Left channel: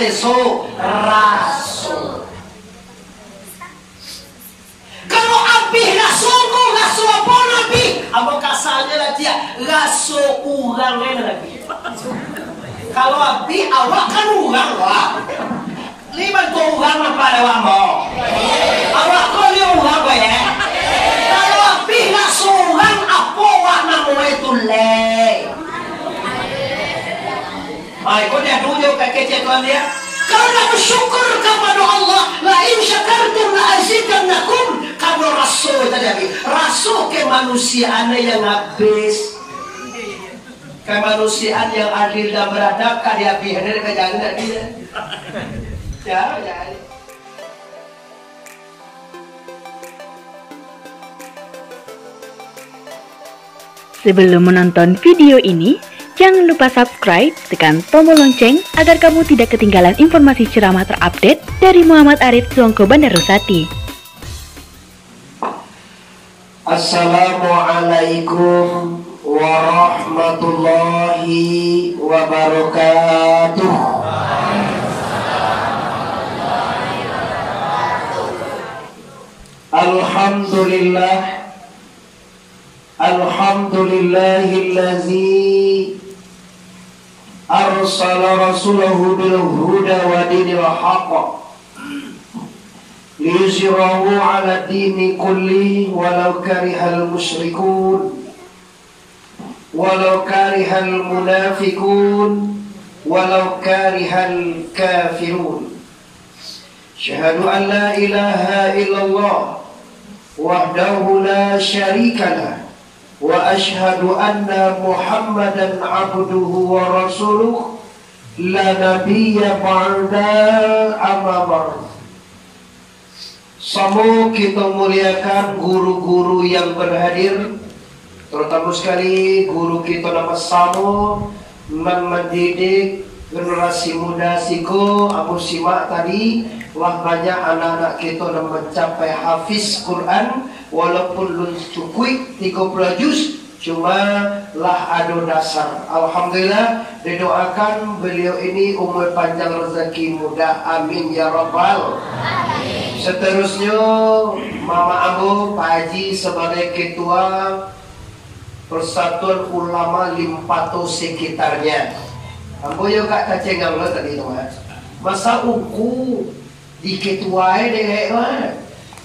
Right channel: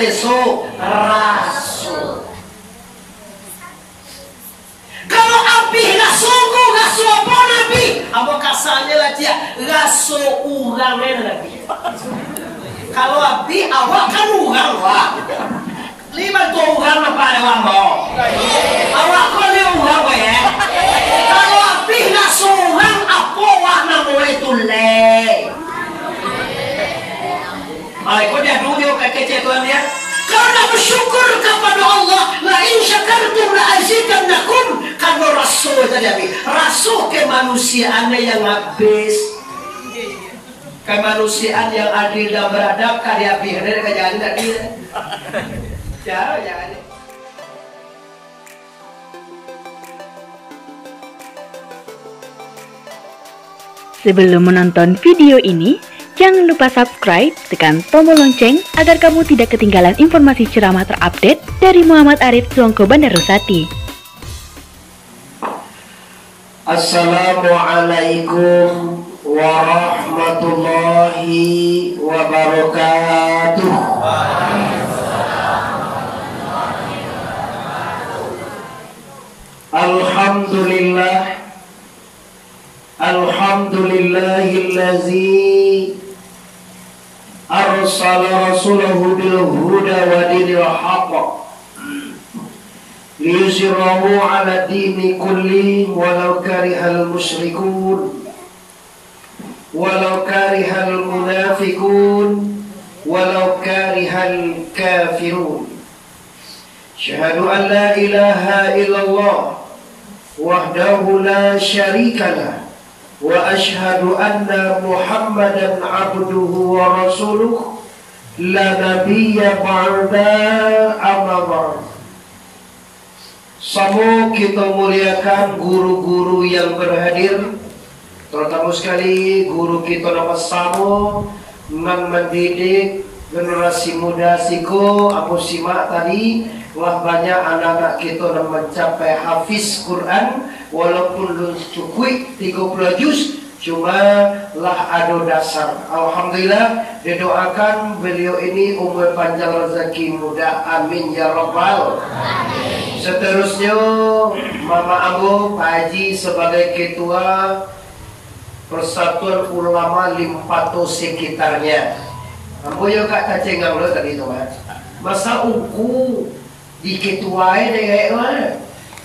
teso rasul. Kalau api rasuku rasul apa nabi? Apa kasarnya lah dia rasul urangnya nabi. Kalau api awak kan urang wak. Liban tu urang apa ada wambo? Awak kau ni urang apa ya? Kalau api rasul urang apa wak namanya tu le? Ay, kau dia tunjuk kecil tuan dia. Kau nak bersyukur kepada Allah. La in syakartum la azidannakum. Kalau rasul tadi, rasul kemanusiaan yang habis, kemanusiaan yang adil dan beradab, karya pihak kerjaan tadi. Ya. Sebelum menonton video ini, jangan lupa subscribe, tekan tombol lonceng agar kamu tidak ketinggalan informasi ceramah terupdate dari Muhammad Arif Suongko Bandarusati. Assalamualaikum warahmatullahi wabarakatuh. Alhamdulillahillazi arsala rasulahu bil huda wa dinil haqq liyuzhirahu ala dini kulli walau karihal musyrikun walau karihal munafikun walau karihal kafirun. Syahadu an la ilaha illallah wahdahu la syarikalah wa ashhadu anna Muhammadan abduhu wa rasuluh la nabiyya ba'da amma ba'd. Semua kita muliakan guru-guru yang berhadir, terutama sekali guru kita nama Samo mendidik generasi muda siko aku simak tadi. Wah, banyak anak-anak kita yang mencapai hafiz Quran walaupun belum cukup 30 juz, cuma lah ada dasar. Alhamdulillah, didoakan beliau ini umur panjang rezeki muda, amin ya rabbal. Seterusnya Mama Ambo Pak Haji sebagai ketua Persatuan Ulama Limpato sekitarnya. Ambo juga kacengang lo tadi tu kan. Masa uku diketuai dengan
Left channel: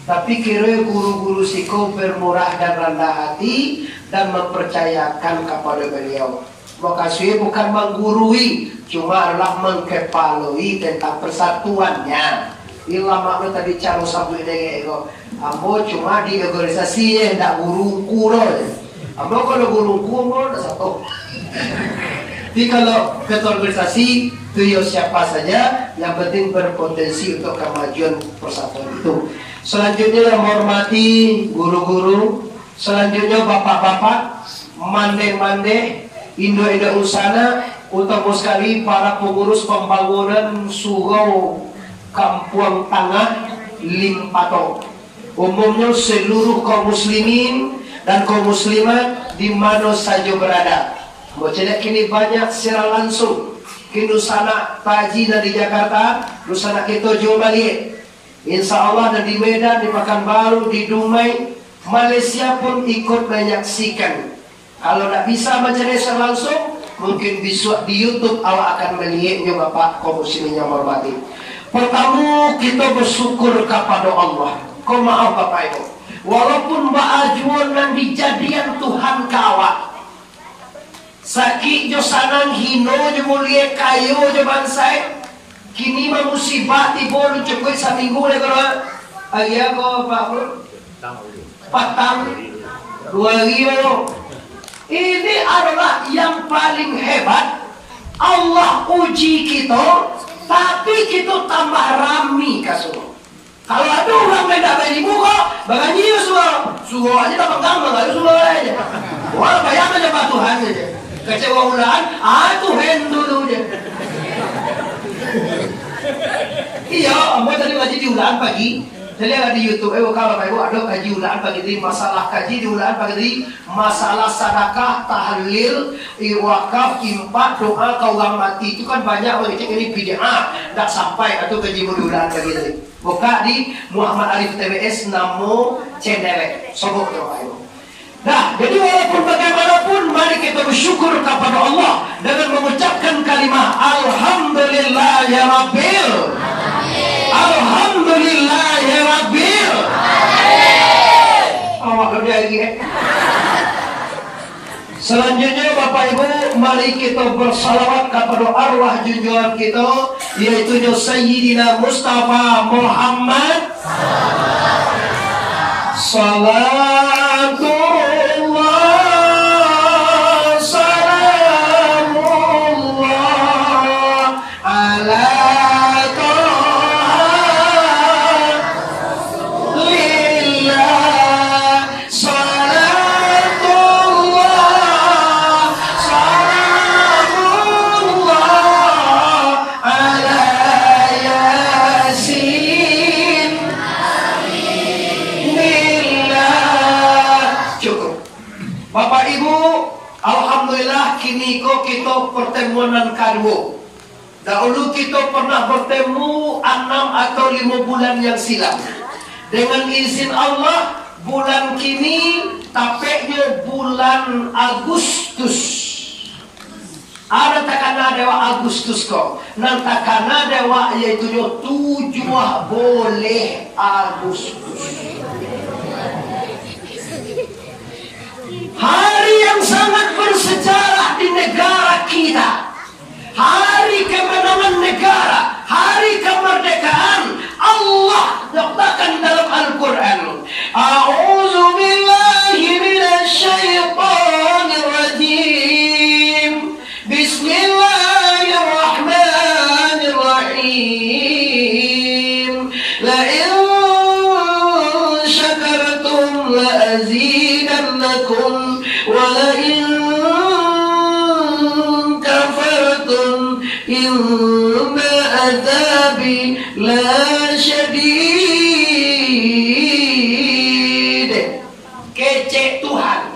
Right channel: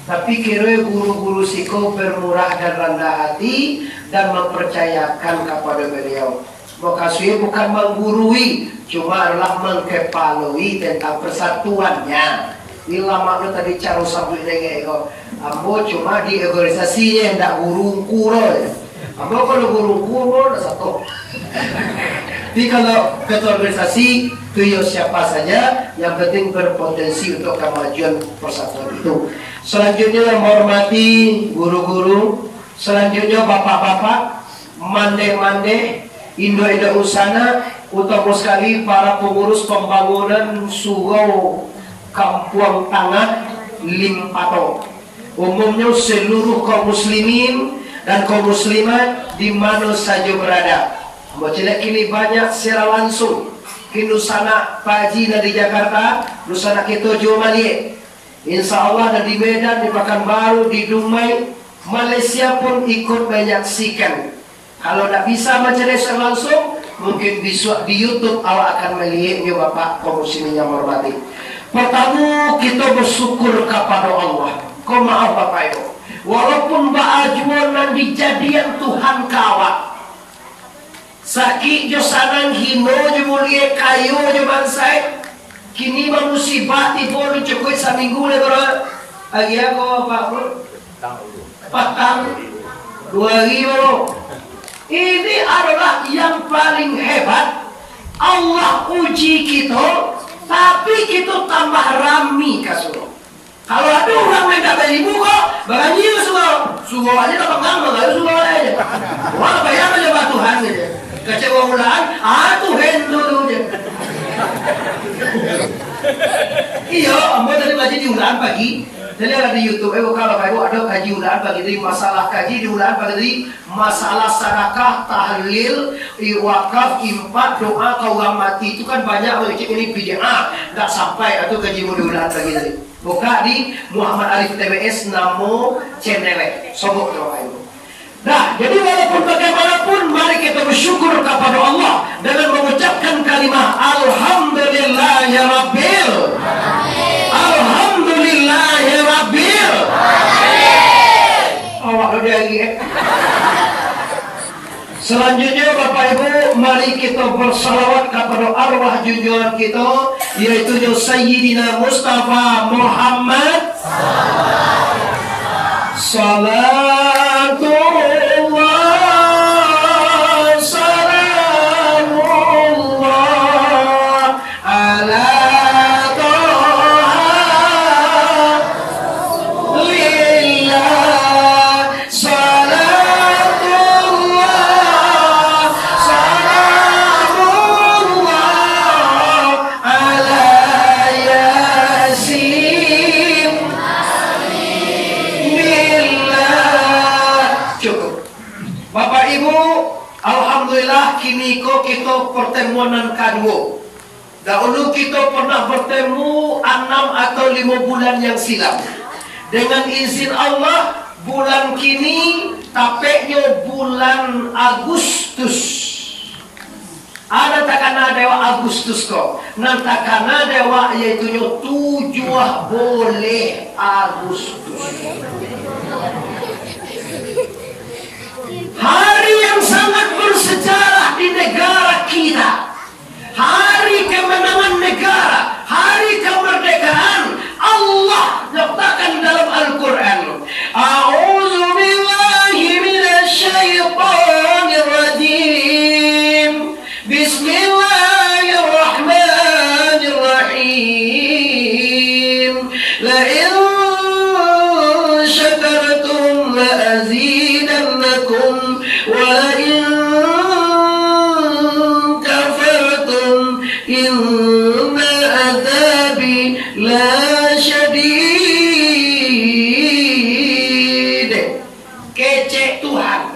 tapi kira guru-guru siko bermurah dan rendah hati dan mempercayakan kepada beliau. Makasih bukan menggurui, cuma adalah mengkepalui tentang persatuannya. Ilama itu tadi cara sampai dengan ambo cuma di organisasi yang tidak guru-guru. Ambo kalau guru-guru ada satu. Tapi kalau ketua organisasi itu siapa saja, yang penting berpotensi untuk kemajuan persatuan itu. Selanjutnya yang menghormati guru-guru, selanjutnya bapak-bapak, mande-mande, Indo-Indo Usana, utama sekali para pengurus pembangunan Surau Kampung Tangah Limpato. Umumnya seluruh kaum muslimin dan kaum muslimat di mana saja berada. Bocilek kini banyak secara langsung. Kini sana Pak Haji dan di Jakarta, Nusana kita juga Malik. Insya Allah dan di Medan, di Pekanbaru, di Dumai, Malaysia pun ikut menyaksikan. Kalau tidak bisa mencari secara langsung, mungkin besok di YouTube awak akan melihatnya Bapak kaum muslimin yang hormati. Pertama kita bersyukur kepada Allah. Kau maaf Bapak Ibu, walaupun baajuan dan dijadian Tuhan kawak. Sakit jo sanang hino jo mulia kayu jo bansai. Kini musibah tiba lu cukup seminggu le kalau ayah ko Pak Bro. Patang 2000. Ini adalah yang paling hebat. Allah uji kita, tapi kita tambah rami kasuh. Kalau ada orang main tak beri muka, baganji suruh aja dapat gambar, aja suruh aja. Wah bayar aja batuhan aja. Kecewa ulang, Tuhan dulu je. Iya, ambo tadi ngaji di ulang pagi. Jadi ada di YouTube, kalau ada kaji ulaan pagi tadi, masalah kaji di ulaan pagi tadi, masalah sedekah, tahlil, wakaf, infak, doa kau orang mati itu kan banyak orang ini bid'ah, tak sampai atau kaji di ulaan pagi tadi. Buka di Muhammad Arif TBS namo channel, sogok doa itu. Nah, jadi walaupun bagaimanapun, mari kita bersyukur kepada Allah dengan mengucapkan kalimat Alhamdulillahirabbil Alhamdulillahirabbil awak udah lagi Selanjutnya Bapak Ibu, mari kita bersalawat kepada arwah junjungan kita, yaitu Sayyidina Mustafa Muhammad Salatullah Salamullah ala kini kita pertemuan kedua. Dahulu kita pernah bertemu 6 atau 5 bulan yang silam. Dengan izin Allah, bulan kini tapeknya bulan Agustus. Ada takana dewa Agustus kok. Nan takana dewa yaitu 7 boleh Agustus. Hari yang sangat bersejarah di negara kita. Hari kemenangan negara, hari kemerdekaan. Allah nyatakan dalam Al-Quran, A'udzu billahi minasyaitonir rajim. Bismillahirrahmanirrahim. La in syakartum la azidannakum wa la in kafartum inna adzabi la syadid. Kece Tuhan,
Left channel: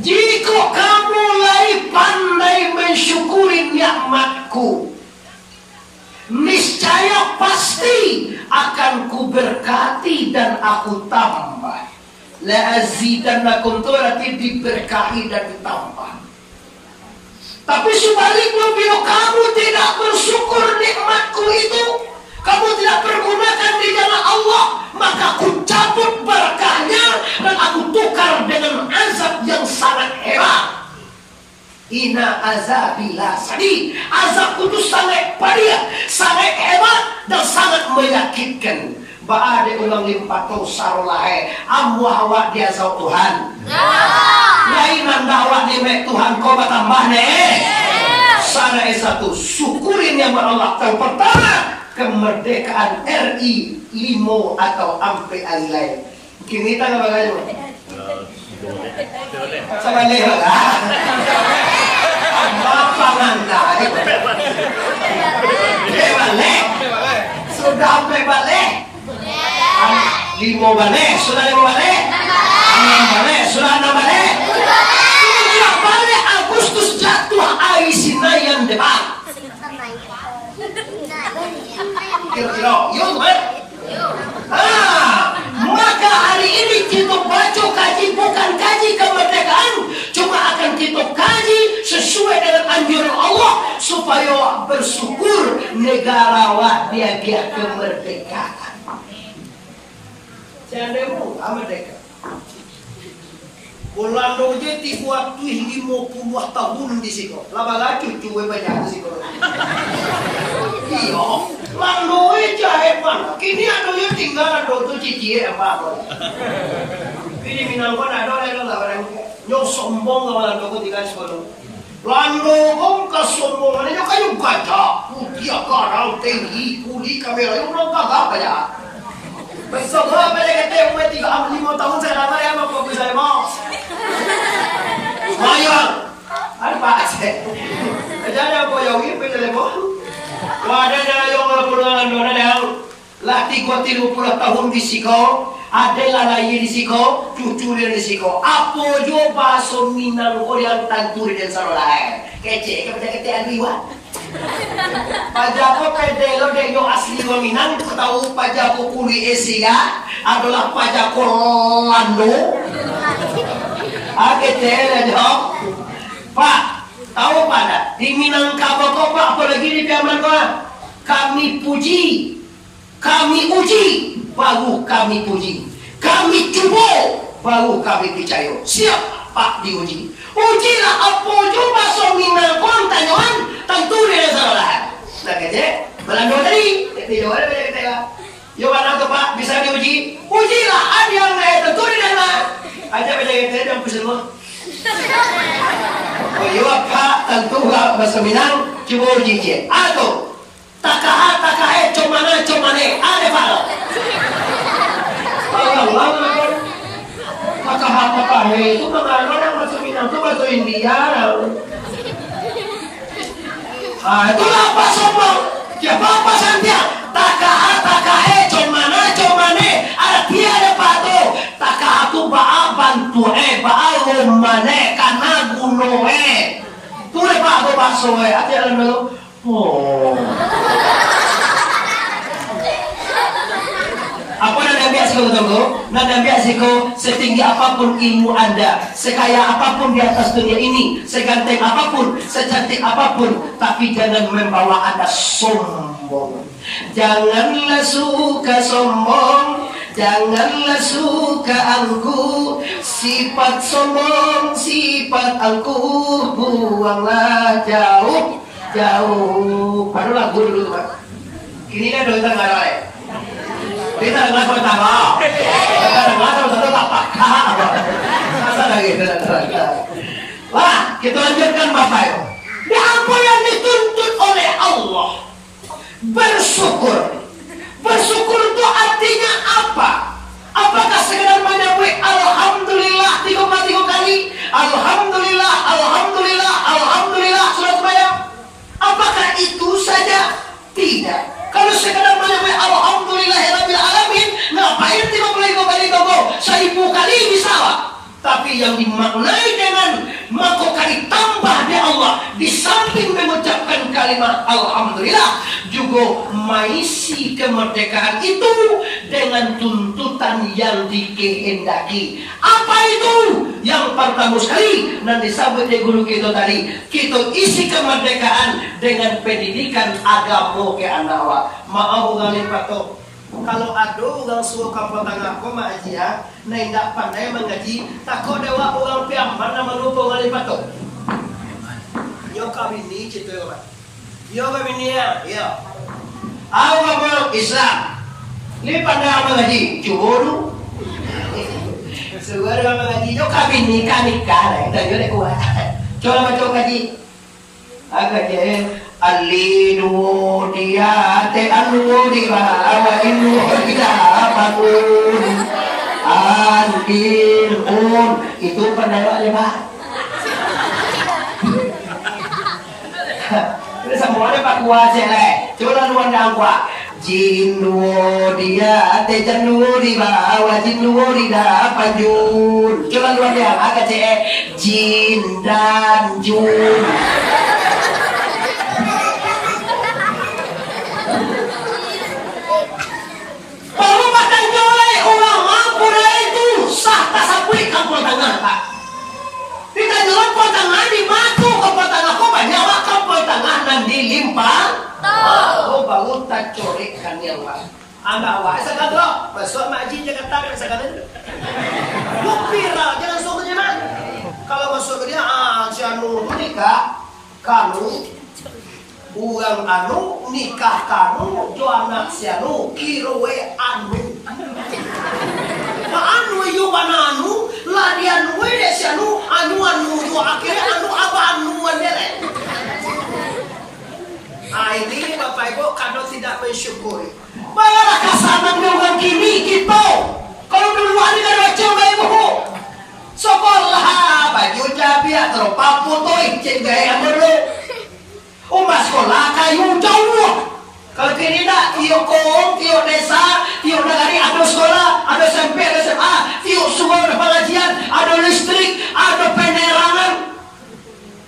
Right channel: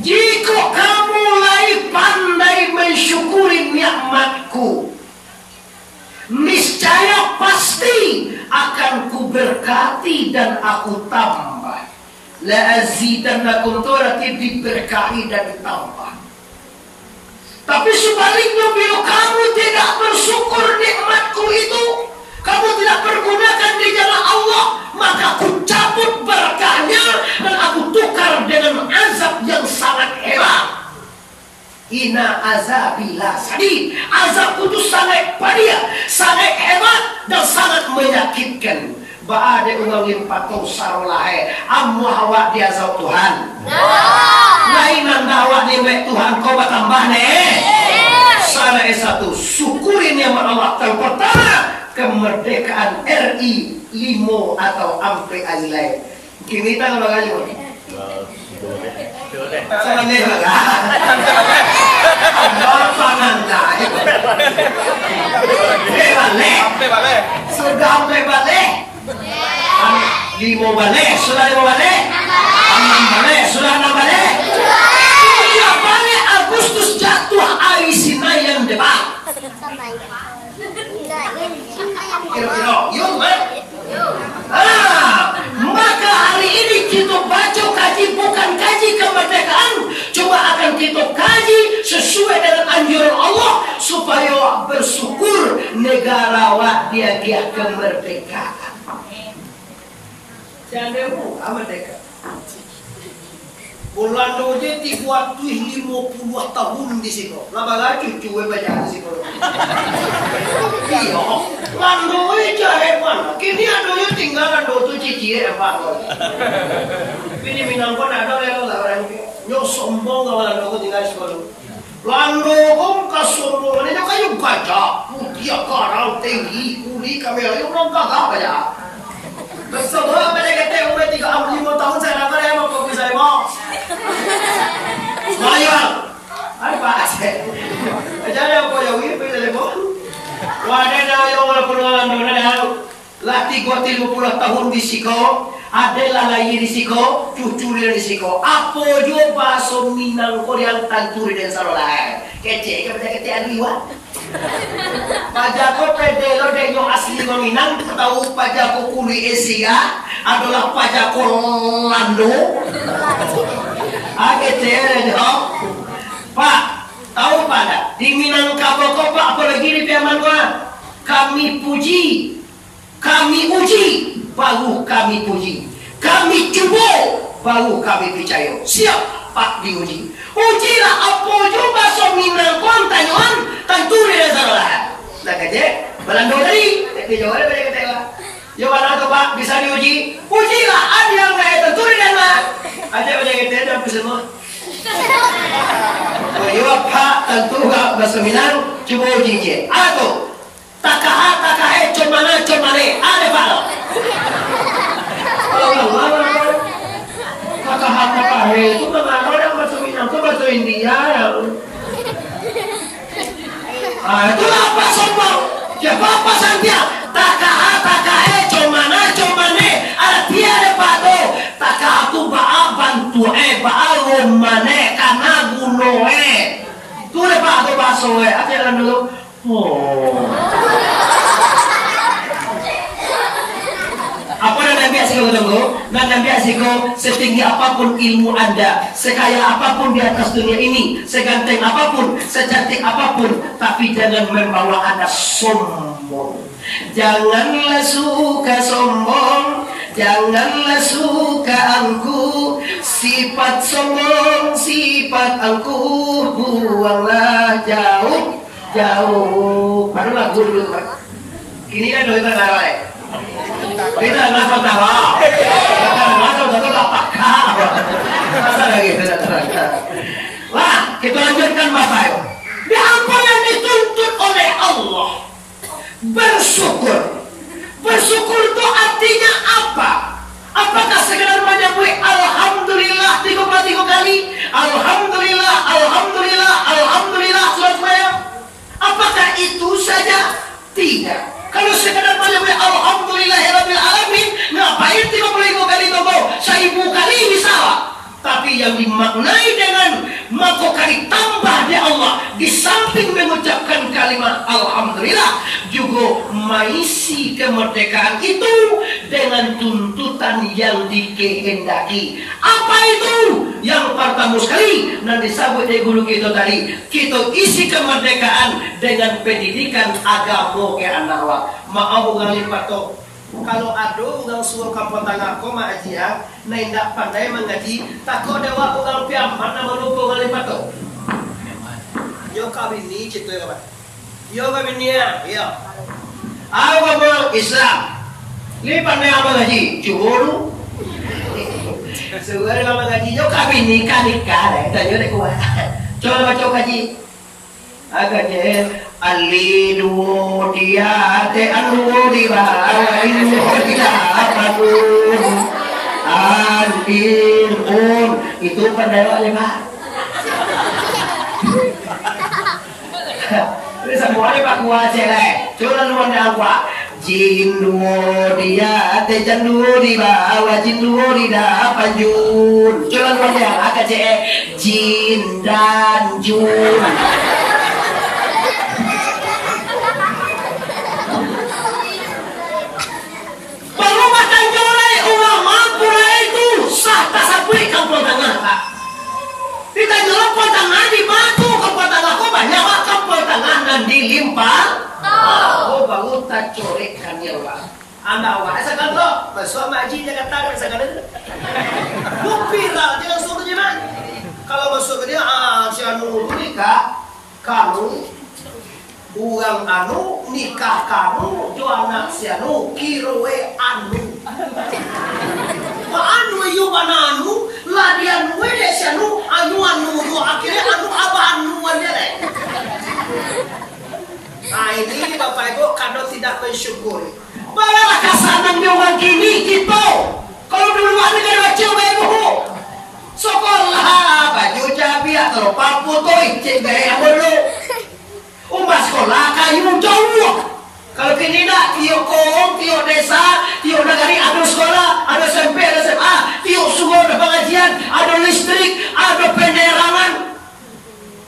jika kamu mulai pandai mensyukuri nikmatku, niscaya pasti akan kuberkati dan aku tambah. La azidannakum, itu berarti diberkahi dan ditambah. Tapi sebaliknya, bila kamu tidak bersyukur nikmatku itu, kamu tidak pergunakan di jalan Allah, maka aku cabut berkahnya dan aku tukar dengan azab yang sangat hebat. Inna azabila sadid. Azabku itu sangat pedih, sangat hebat dan sangat menyakitkan. Baade ulangin patung sarolahe ammu hawa dia zau Tuhan. Lain anda awak nimek Tuhan kau bertambah nih. Sana satu syukurin nikmat Allah. Yang pertama, kemerdekaan RI 5 atau ampe alilai. Kini kita apa kali? Sama leher lah. Bapak nanda. Bebalik. Sudah sampai balik. 5 balik, sudah 5 balik. 6 balik, sudah 6 balik. 7 balik Agustus jatuh air Sinayan depan. Kira-kira, yuk kan? Maka hari ini kita baca kaji, bukan kaji kemerdekaan, cuma akan kita kaji sesuai dengan anjuran Allah supaya bersyukur negara wak dia kemerdekaan. Jangan merdeka. Bulan doje dibuat tuh 50 tahun di sini. Lama lagi cuci banyak di sini. Iya, landoi jahit mana? Kini adonya tinggal ado tuh cici apa? Ini minangkon ada lelo orang nyok sombong kalau ado tinggal sekolah. Lando om kasombongan ini kayu gajah, putih karang tinggi, kuli kamera itu orang gagah aja. Bersama mereka teh umur 35 tahun saya lama emang kopi saya mau. Mayang, apa sih? Jadi apa ya wir pada lepo? Wadah na yung ala punuan do na daw. Lah 30 tahun di siko, adalah lain di siko, cucu di siko. Apa jo baso Minang Korean tanturi dan sarolah. Kece kepada ketean liwat. Pajako pedelo denyo asli Minang tahu pajako kuli Asia adalah pajako Lando. Kece dong. Pak, tahu pada di Minangkabau kau Pak apalagi di Piaman kau? Kami puji, kami uji, baru kami puji. Kami coba, baru kami percaya. Siap Pak diuji. Ujilah apa coba Minang kau tanyawan tentu dia salah. Nah kerja Belanda tadi, jawab ada kata. Jawab apa Pak bisa diuji? Ujilah ada yang tentu dia lah. Aja baca kita dan semua. Oh iya Pak tentu bahasa Minang coba uji. Atau takahe comane ada Pak lo. Takahe itu mana orang bahasa Minang itu bahasa India. Itulah apa sombong. Siapa apa santia? Takahe comane artinya ada Pak tu. Takaha tu baa bantu baa romane kana gunoe. Tu ada Pak tu baso artinya dulu. Oh. Apa nanda biasiko tunggu? Nanda biasiko setinggi apapun ilmu Anda, sekaya apapun di atas dunia ini, seganteng apapun, secantik apapun, tapi jangan membawa Anda sombong. Janganlah suka sombong, janganlah suka angkuh, sifat sombong, sifat angkuh, buanglah jauh. Baru lagu dulu Pak. Kini kan kita ngarang. Kita nggak tahu tahu. Kita nggak tahu apa. Masa lagi tidak tahu. Lah, kita lanjutkan Bapak Ibu. Di apa yang dituntut oleh Allah? Bersyukur. Bersyukur itu artinya apa? Apakah sekedar menyebut Alhamdulillah 3 kali? Alhamdulillah, Alhamdulillah, Alhamdulillah surat Maryam. Apakah itu saja? Tidak. Kalau sekedar menyebut Alhamdulillahirabbil alamin, ngapain 30 kali tunggu? 1000 kali bisa lah. Tapi yang dimaknai dengan maka kali tambah di Allah, di samping mengucapkan kalimat Alhamdulillah, juga mengisi kemerdekaan itu dengan tuntutan yang dikehendaki. Apa itu? Yang pertama sekali, nanti disebut di guru kita tadi, kita isi kemerdekaan dengan pendidikan agama ke anak wa. Maaf kali patok. Kalau ada orang suruh kampung tengah koma aji ya, tidak pandai mengaji, takut dewa orang piam mana melupa kali patok. Yo kami ni cerita apa? Yo kami ni ya. Awak orang Islam, ni pandai apa ngaji? Cuba lu. Suara kamu ngaji, yo kami nikah, dan yo dek kuat. Coba baca ngaji. Agaknya Alinu dia te anu di bawah inu dia bangun antin itu pendapat Pak. Ini semua Pak kuace le. Coba luar dah Pak. Jinnu dia te jannu di bawah jinnu di banjur. Coba luar dah agak jin dan jun. Sah tak sapui kampung tengah Pak. Kita nyelok tengah di matu kampung tengah kok banyak Pak kampung tengah dan dilimpah. Oh baru tak corekkan ya Pak. Anak Pak, sekarang lo masuk makji Jakarta sekarang itu. Lu viral jangan suruhnya Mak. Kalau masuk ke dia si anu nikah kamu uang anu nikah kamu tu anak si anu kirowe anu. Anu yu bananu ladian wede si anu do akhirnya anu apa anu lele. Ini Bapak Ibu kado tidak mensyukuri. Malah kasanan orang kini gitu. Kalau dulu hari kada baca Ibu. Sekolah baju cabi atau papu toy cek gaya dulu. Sekolah kayu jauh. Kalau kini nak tiup kaum, tiup desa, tiup negari, ada sekolah, ada SMP, ada SMA, tiup semua ada pengajian, ada listrik, ada penerangan.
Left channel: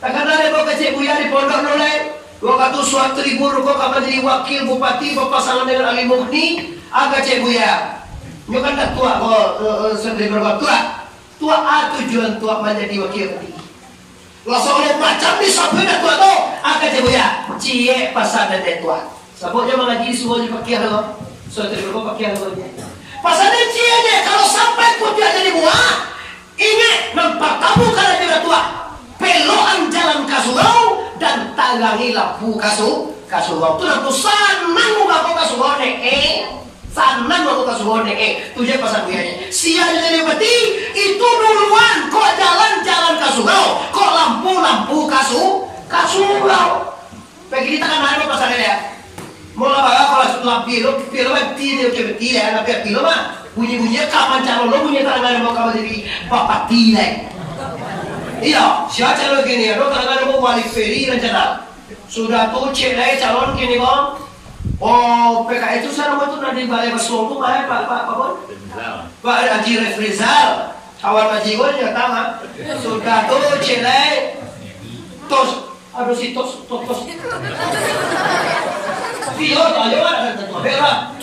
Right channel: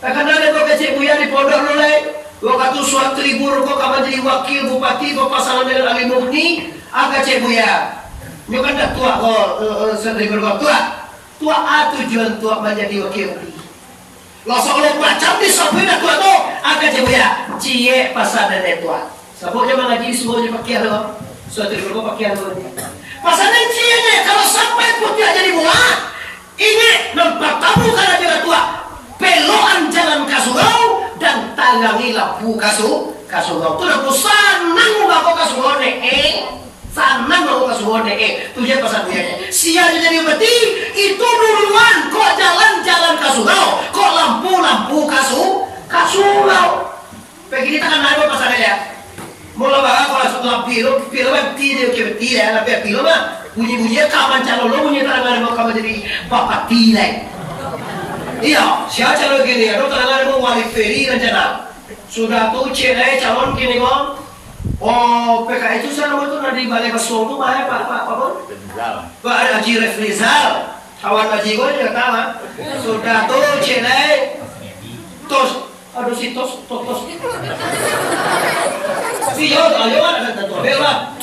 Takkan ada kau kecik buaya di pondok nolai. Kau kata suatu ribu kau kapan jadi wakil bupati, kau pasangan dengan Ali Mughni, agak cik buaya. Kau kan tak tua kau sendiri berbuat tua. Tua tujuan tua menjadi wakil bupati. Lo seolah macam di sampai dah tua tu, agak cik buaya. Cie pasal dan tua. Sebabnya mengaji semuanya pakai lo. Suatu ribu pakai lo. Pasalnya cie ni kalau sampai putih jadi buah, ingat nampak tabu karena jangan tua. Peloan jalan kasurau dan talangi lampu kasurau. Tu nak sanang muka kau kasurau ni sanang muka kasurau ni tujuan pasal duanya. Siapa jadi beti itu duluan kau jalan kasurau, kau lampu kasurau. Pergi kita kan ada pasal dia. Mula baga kalau sudah pilo beti dia beti ya, tapi pilo mah bunyi kapan calon lo bunyi tarangan mau kamu jadi bapak tilai. Iya, siapa calon gini ya? Lo tangan mau wali feri rencana. Sudah tuh cewek calon gini kok. Oh, PKI itu sana itu nanti balai besar tuh mana Pak Bon? Pak Haji Refrizal, kawan Haji gue juga tahu. Sudah tuh cewek. Tos, aduh si tos. Iya, ayo ada satu bela.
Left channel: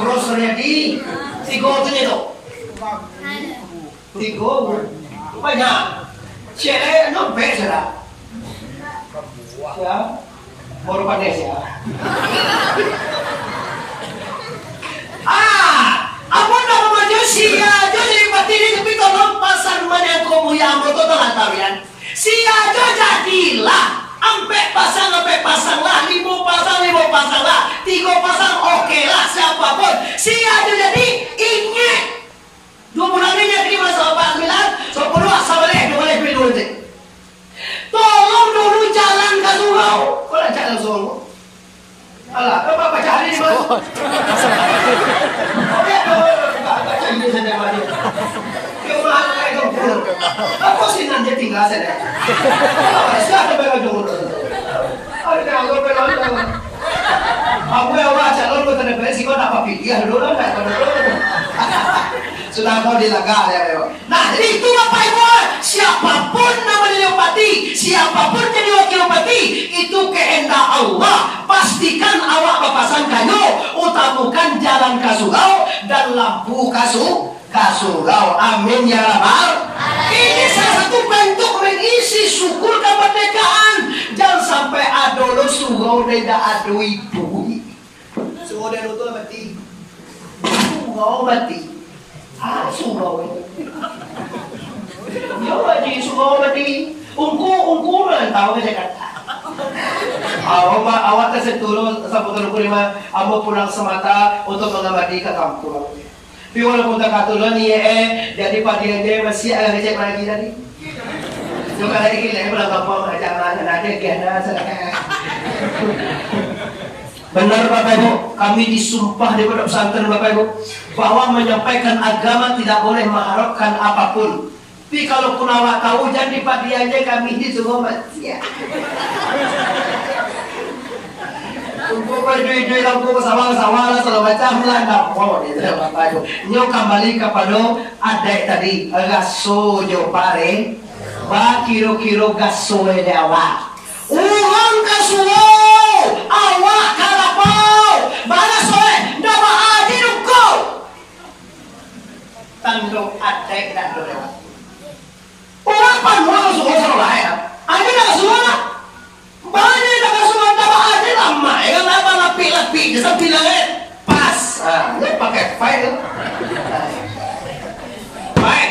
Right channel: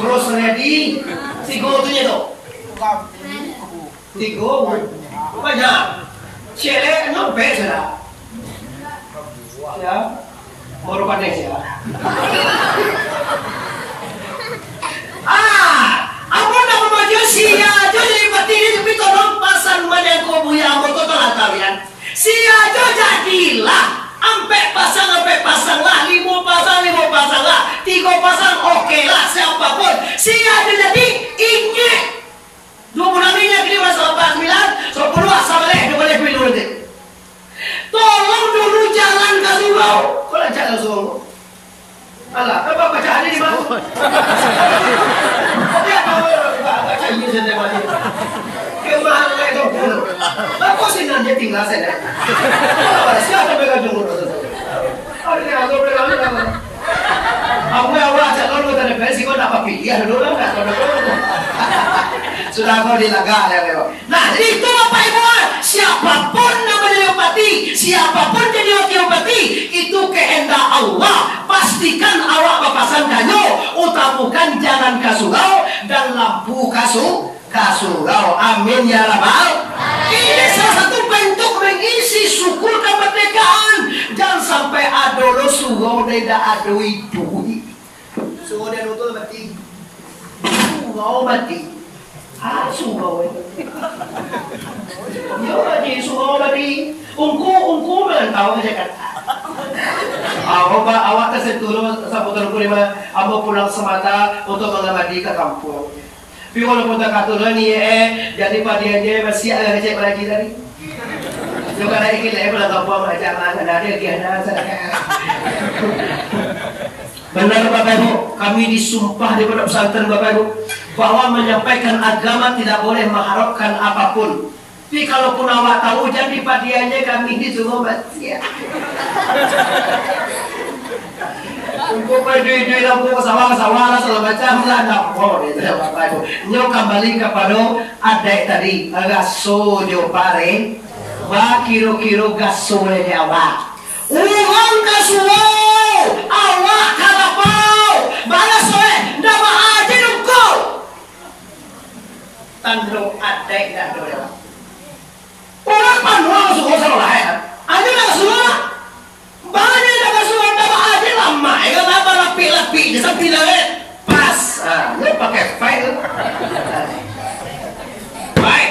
Terus ready. Si gotunya tuh. Tigo banyak cewek nompe sudah ya baru pandai sih apa nama maju sia jadi mati ini tapi tolong pasang mana kau punya motor kalian sia jadilah ampe pasang lah 5 pasang lah 3 pasang oke lah siapapun sia jadi ingat 2 bulan ini kini masalah Pak Milan 10 sama leh boleh pilih dulu deh. Tolong dulu jalan ke sungai. Kau nak jalan sungai? Alah, apa baca hari di mana? Dia apa cari sendiri mati. Kemana lagi tu? Aku sih nanti tinggal sana. Siapa pegang jumur saja? Ada yang aku pegang ni. Aku yang awak calon kau tanya pensi kau nak pilih ya dulu lah kan? Sudah kau dilagak ya Leo. Nah jadi itu Bapak Ibu, siapapun namanya bupati, siapapun jadi wakil bupati, itu kehendak Allah. Pastikan awak berpasang kanyo, utamukan jalan kasurau dan lampu kasurau. Amin ya rabbal. Ini salah satu bentuk mengisi syukur kemerdekaan. Jangan sampai ada lo surau tidak ada ibu. Surau dia nonton mati. Surau mati. Surau ya wajib surau mati ungku tahu aja kata awak tersentuh sampai 25 abo pulang semata untuk mengamati ke kampung tapi walaupun tak katulan ni jadi padiannya masih ada cek lagi tadi juga lagi kita pulang kampung aja mana ada kiana sedekah. Benar Bapak Ibu, kami disumpah di pondok pesantren Bapak Ibu bahwa menyampaikan agama tidak boleh mengharapkan apapun. Tapi kalaupun awak tahu jangan dipadiannya kami disuruh mati ya. Untuk duit lampu ke sawah lah segala macam lah nak mau deh Bapak Ibu. Nyok kembali kepada adek tadi gaso jo pare, ba kiro gaso le awak. Uang kasuo awak kalapau balas soe nama aja nungko tanduk adek dan doa orang panua suka salah ya aja nak suka banyak nak suka nama aja lama ya lama lapi sampai lagi pas lu pakai file baik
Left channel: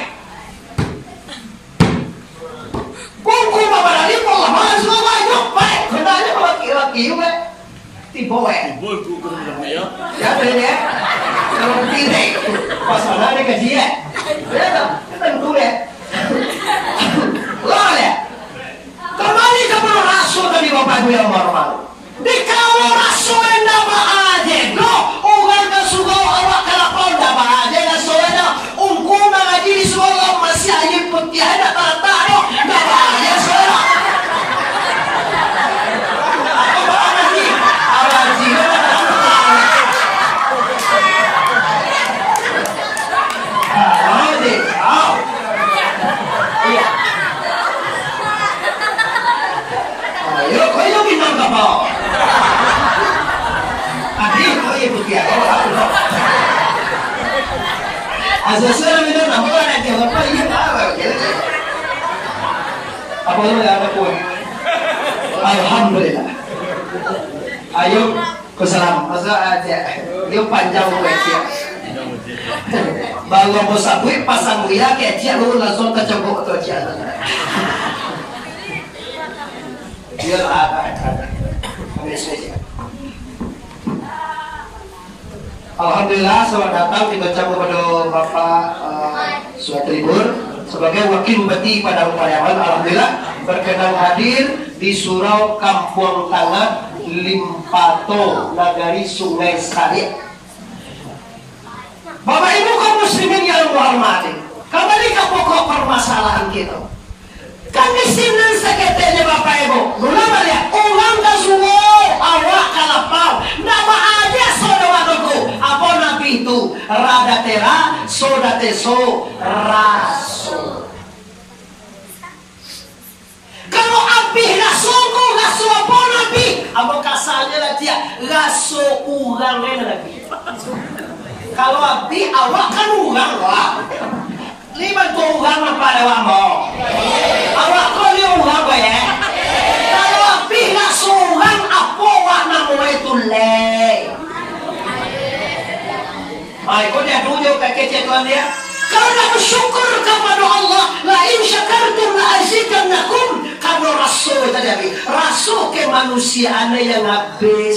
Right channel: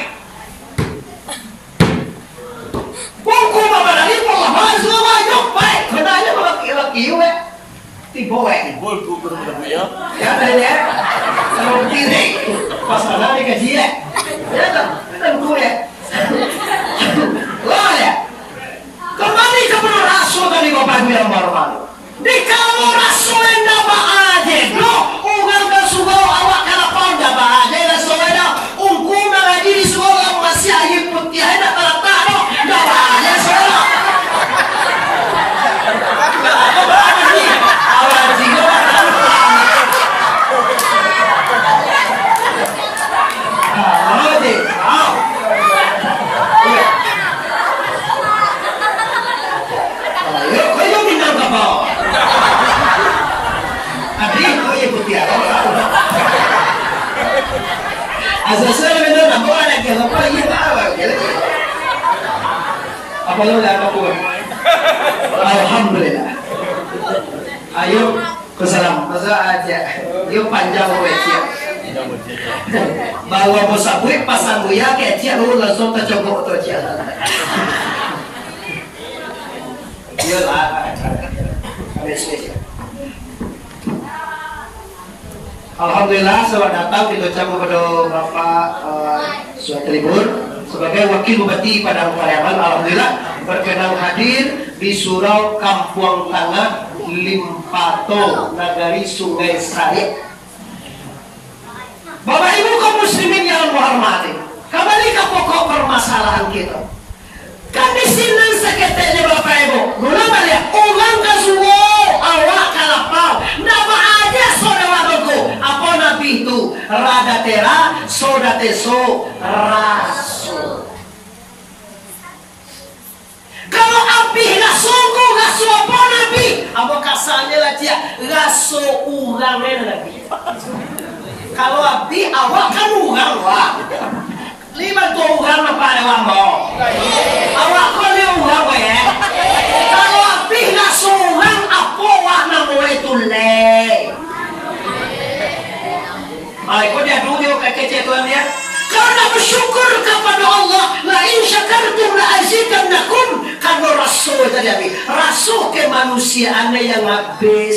buku bapak lagi mau lama semua jok baik kenanya bapak kira-kira tibo ya ada ya kalau tidak pas mana ni kaji ya kita buku ya lo ya kembali ke rasul tadi bapak ibu yang malu di kamu rasul yang dapat aja no uang dan sugo awak kalapau dapat aja dan soalnya ungku mengaji di sekolah masih aja putih ada kata no dapat aja soalnya Asal betul nama orang yang apa ini apa? Apa lu yang aku? Alhamdulillah. Ayo kesalam. Masa aja. Yo panjang wajah. Bawa bosabui pasang buya kecil lu langsung kecogok tu aja. Dia lah. Ada spesial. Alhamdulillah selamat datang kita ucapkan kepada Bapak Suat Libur sebagai wakil bupati Padang Pariaman. Alhamdulillah berkenan hadir di Surau Kampung Tangah Limpato Nagari Sungai Sari. Bapak Ibu kaum muslimin yang hormati, kembali ke pokok permasalahan kita. Kan di sini seketeknya Bapak Ibu, nuna balik ulang dan suwo awak kalapau, nama aja saudaraku. Apa nabi itu rada tera, soda teso rasul. Kalau api rasulku rasul apa nabi? Apa kasarnya lah dia rasul urangnya nabi. Kalau api awak kan urang wah. Lima tu urang apa ada wamo? Awak kau ni urang apa ya? Kalau api rasul urang apa wah nama itu le? Kau dia tunjuk kecil tuan dia. Karena bersyukur kepada Allah, la in syakartum la azidannakum. Kalau rasul tadi, rasul kemanusiaan yang habis,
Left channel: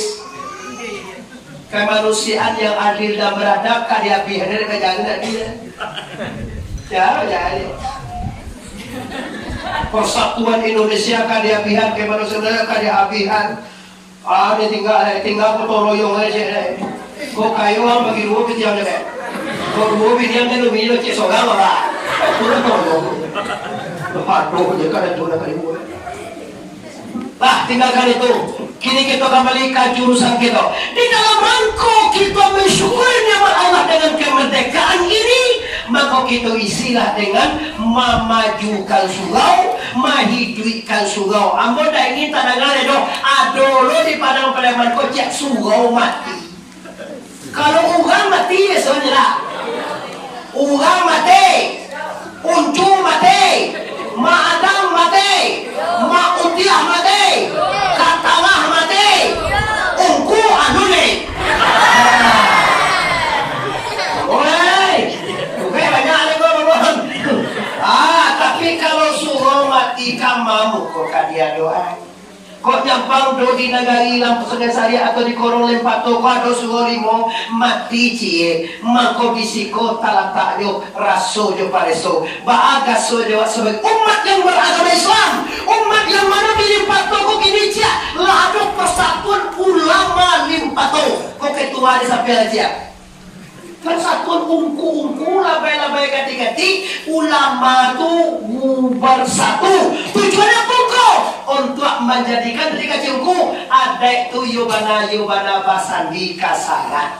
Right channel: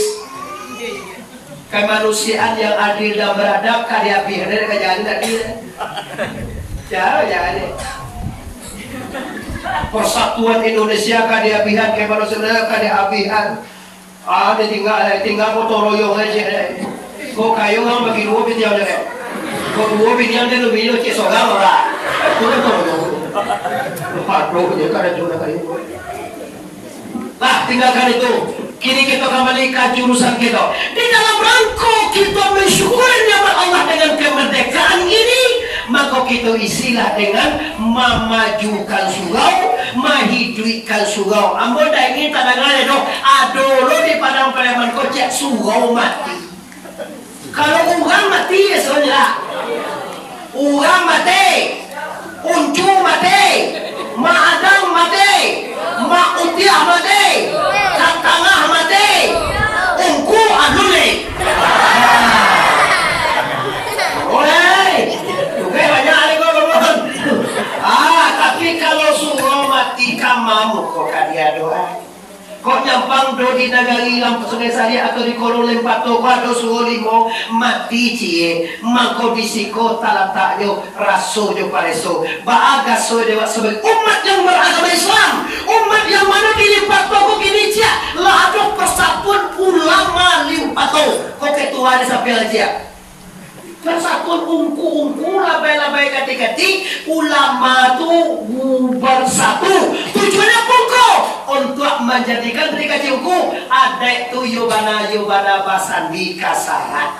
kemanusiaan yang adil dan beradab, karya pihak dari kejadian tadi. Jangan. Persatuan Indonesia karya pihak kemanusiaan karya pihak. Dia tinggal foto royong aja. Kau kayu yang bagi dua pinjam deh. Kau dua pinjam deh lu minum cek sogang lah. Kau kan tolong. Lepas dua je kan ada cuma kayu. Lah tinggalkan itu. Kini kita kembali ke jurusan kita. Di dalam rangka kita mensyukuri nikmat Allah dengan kemerdekaan ini, maka kita isilah dengan memajukan surau, menghidupkan surau. Ambo dah ingin tandangannya dong. Adolo di Padang Pariaman kocek surau mati. Kalau orang mati ya sebenarnya, orang mati, uncu mati, mak adang mati, mak utiah mati, kak tengah mati, ungku anu nih. Oi, juga banyak lagi ngomong. Tapi kalau suruh mati kamamu kok kadia doa. Kok nyampang do di nagari Lampu Sungai Sari atau di Korong Limpato kok ada suruh limo mati cie mangko bisiko talatakyo raso jo pareso baaga so dewa sebagai umat yang beragama Islam, umat yang mana di Limpato kok gini cia lado persatuan ulama Limpato kok ketua di sampai aja persatuan ungku labai kati ulama tu bersatu tujuannya pungko untuk menjadikan mereka ciumku ada itu yobana basandi kasaran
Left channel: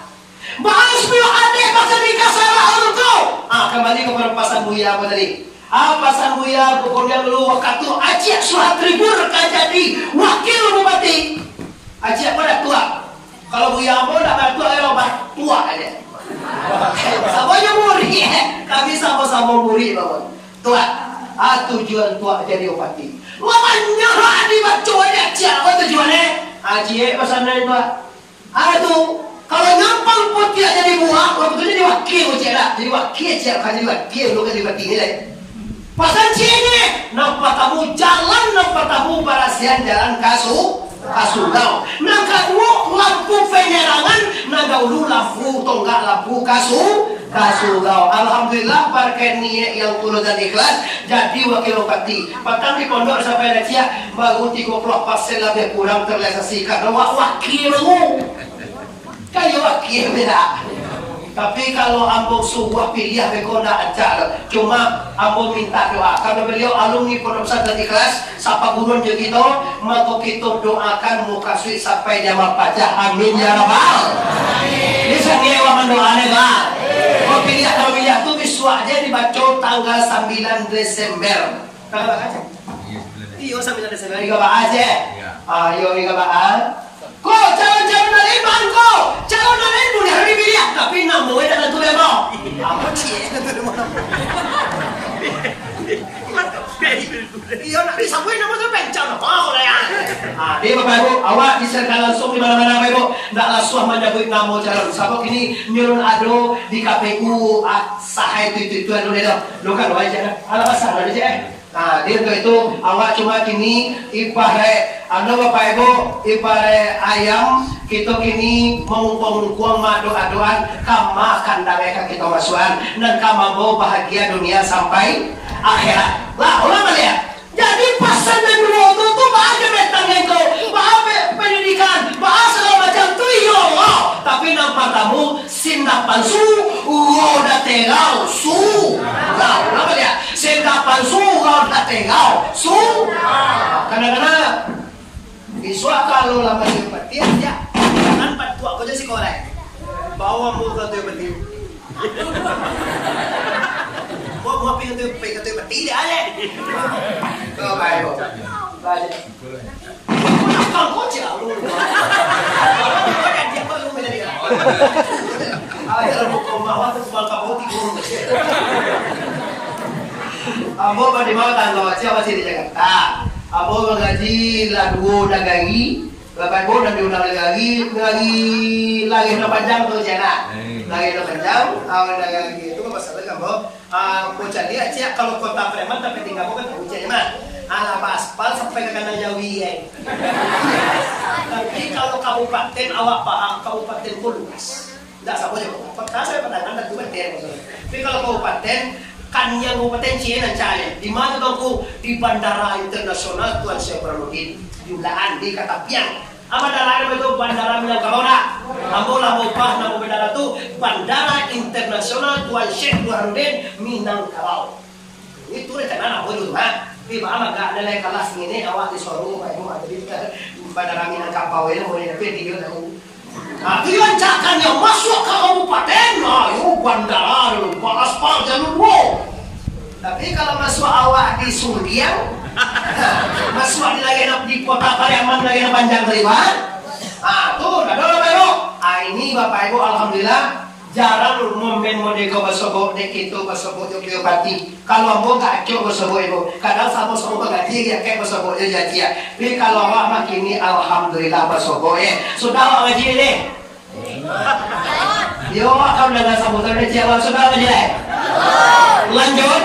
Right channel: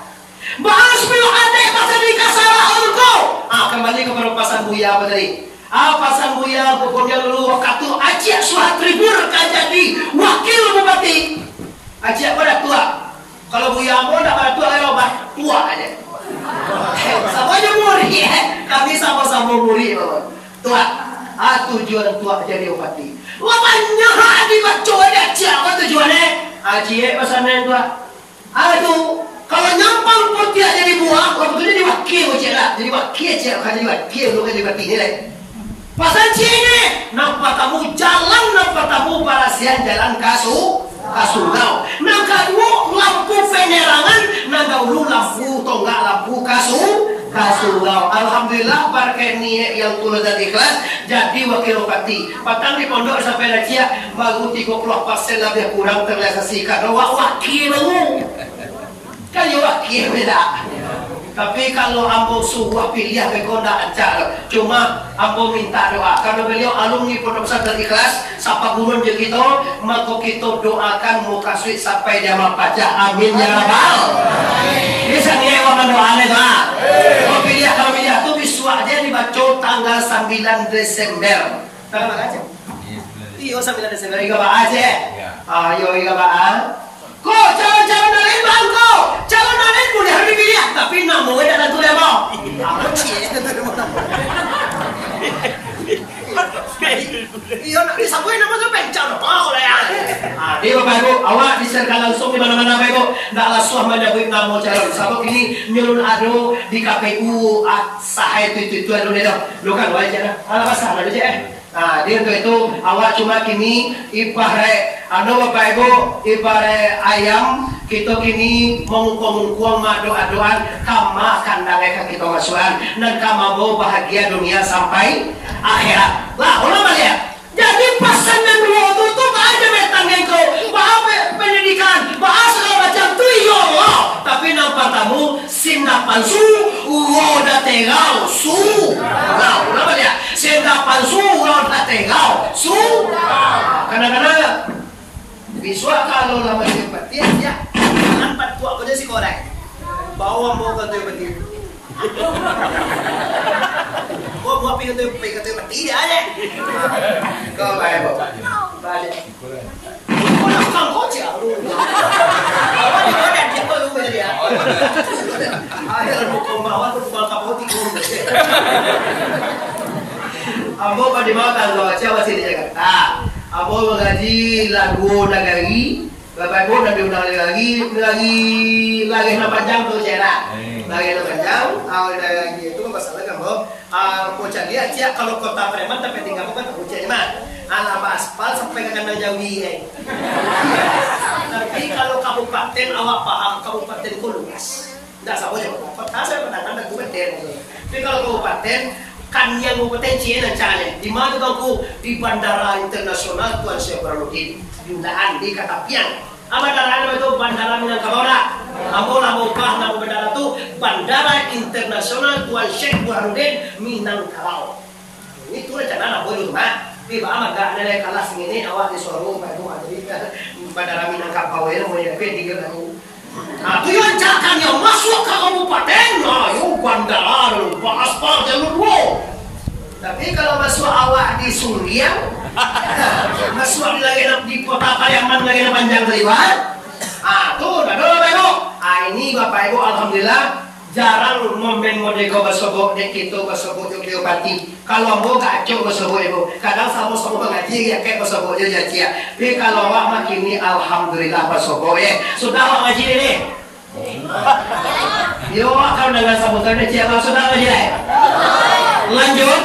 bahas bio ada basandi kasaran urko. Kembali ke pasan buya apa tadi? Pasan buya kemudian lalu waktu ajak suhat tribur kan jadi wakil bupati ajak pada tua. Kalau buya mau nak pada tua tua aja. Samanya muri, kami sama-sama muri tua. Tujuan tua jadi bupati. Lamanya di baca aja, apa tujuannya? Cie pesannya tua. Tu kalau nyampang putih jadi buah, waktu itu jadi wakil lah. Jadi wakil cie, kan jadi wakil lu kan di bupati ni lah. Pasan cie ni, nampak kamu jalan, nampak kamu barasian jalan kasurau. Nang kedua lampu penerangan, nang dahulu lampu tonggak lampu kasurau. Alhamdulillah berkat niat yang tulus dan ikhlas jadi wakil bupati. Patang di pondok sampai raja baru 30% lebih kurang terrealisasi karena wakil lu. Kan ya wakil beda. Tapi kalau ambo suruh pilih beko ndak ajar. Cuma ambo minta doa karena beliau alumni Pondok Pesantren Ikhlas, sapa gurun je kita, maka kita doakan muka suit sampai jamaah pajak. Amin ya rabbal. Ini sendiri waman doane doa. Kau pilih tu biswa aja dibaca tanggal 9 Desember. Tanggal berapa aja? Iyo 9 Desember. Iga ba aja? Ayo iga ba? Kok calon nalin bang kok calon nalin boleh hari pilih tapi namu dah tentu ya bang. Apa cie? Iya nak disabuin nama tu pencau nama kalau ya. Dia Bapak Ibu, awak diserahkan langsung di mana-mana Bapak Ibu. Ndak langsung menyebut nama cara sabuk ini nyurun ado di KPU sahai itu anu dia. Lu kan wajah ala pasar ada je. Dia untuk itu awak cuma kini ipare Bapak Ibu ipare ayam kita kini mengungkung madu-aduan kama kandangnya kita masukan dan kama mau bahagia dunia sampai akhirat. Lah ulama lihat. Jadi pasangan dua itu tuh aja metangnya itu, pendidikan, segala macam tuh iya Allah. Tapi nampak tamu sindapan su, udah tegau su. Nah, ulama lihat sindapan su, udah tegau su. Kadang-kadang biswa kalau lama di peti ya, jangan patuak kau jadi si korek. Bawa mau kau tu peti. Buat pintu peti dia aja. Kau baik balik. Kau nak kau cakap lu. Awak di mana dia kau lu macam dia. Ada lu kau bawa tu bal kau ti kau. Abo pada mau tangga siapa sih di Jakarta. Abo mengaji lagu nagari. Bapak Ibu nanti undang lagi na panjang tu cina. Lagi na panjang, awal lagi itu masalah kamu. Bocah dia cia kalau kota Preman tapi tinggal kan tahu cia mah. Ala aspal sampai ke kandang Jawi Tapi kalau kabupaten awak paham kabupaten luas. Tidak sama je. Kota saya pernah kan kabupaten. Tapi kalau kabupaten kan yang kabupaten Cina caranya. Di mana bangku di Bandara Internasional Tuan Syekh Burhanuddin. Jumlahan di Katapian. Bandara itu Bandara Minangkabau dah. Ambo lah ubah nama bandara itu Bandara Internasional Tuan Syekh Burhanuddin Minangkabau. Itu rencana nak boleh tu mah. Tiba agak nilai kelas ini awak disuruh Pak Ibu ada di Bandara Minangkabau ini mau jadi tiga tu. Tujuan cakan yang masuk ke kabupaten, yuk bandara dulu, aspal jalur wow. Tapi kalau masuk awak di Suriang, masuk lagi di kota Pariaman lagi panjang terlibat. Tuh, dah dulu Bapak Ibu. Ini Bapak Ibu alhamdulillah jarang momen modeko basobo dek itu basobo Yogyakarta. Kalau ambo gak cok basobo Ibu. Kadang sama sama ngaji ya kayak basobo jadi ya. Tapi kalau awak makin ini alhamdulillah basobo ya. Sudah awak ngaji ini. Yo, kau dengan sambutan ini siapa sudah ngaji? Lanjut.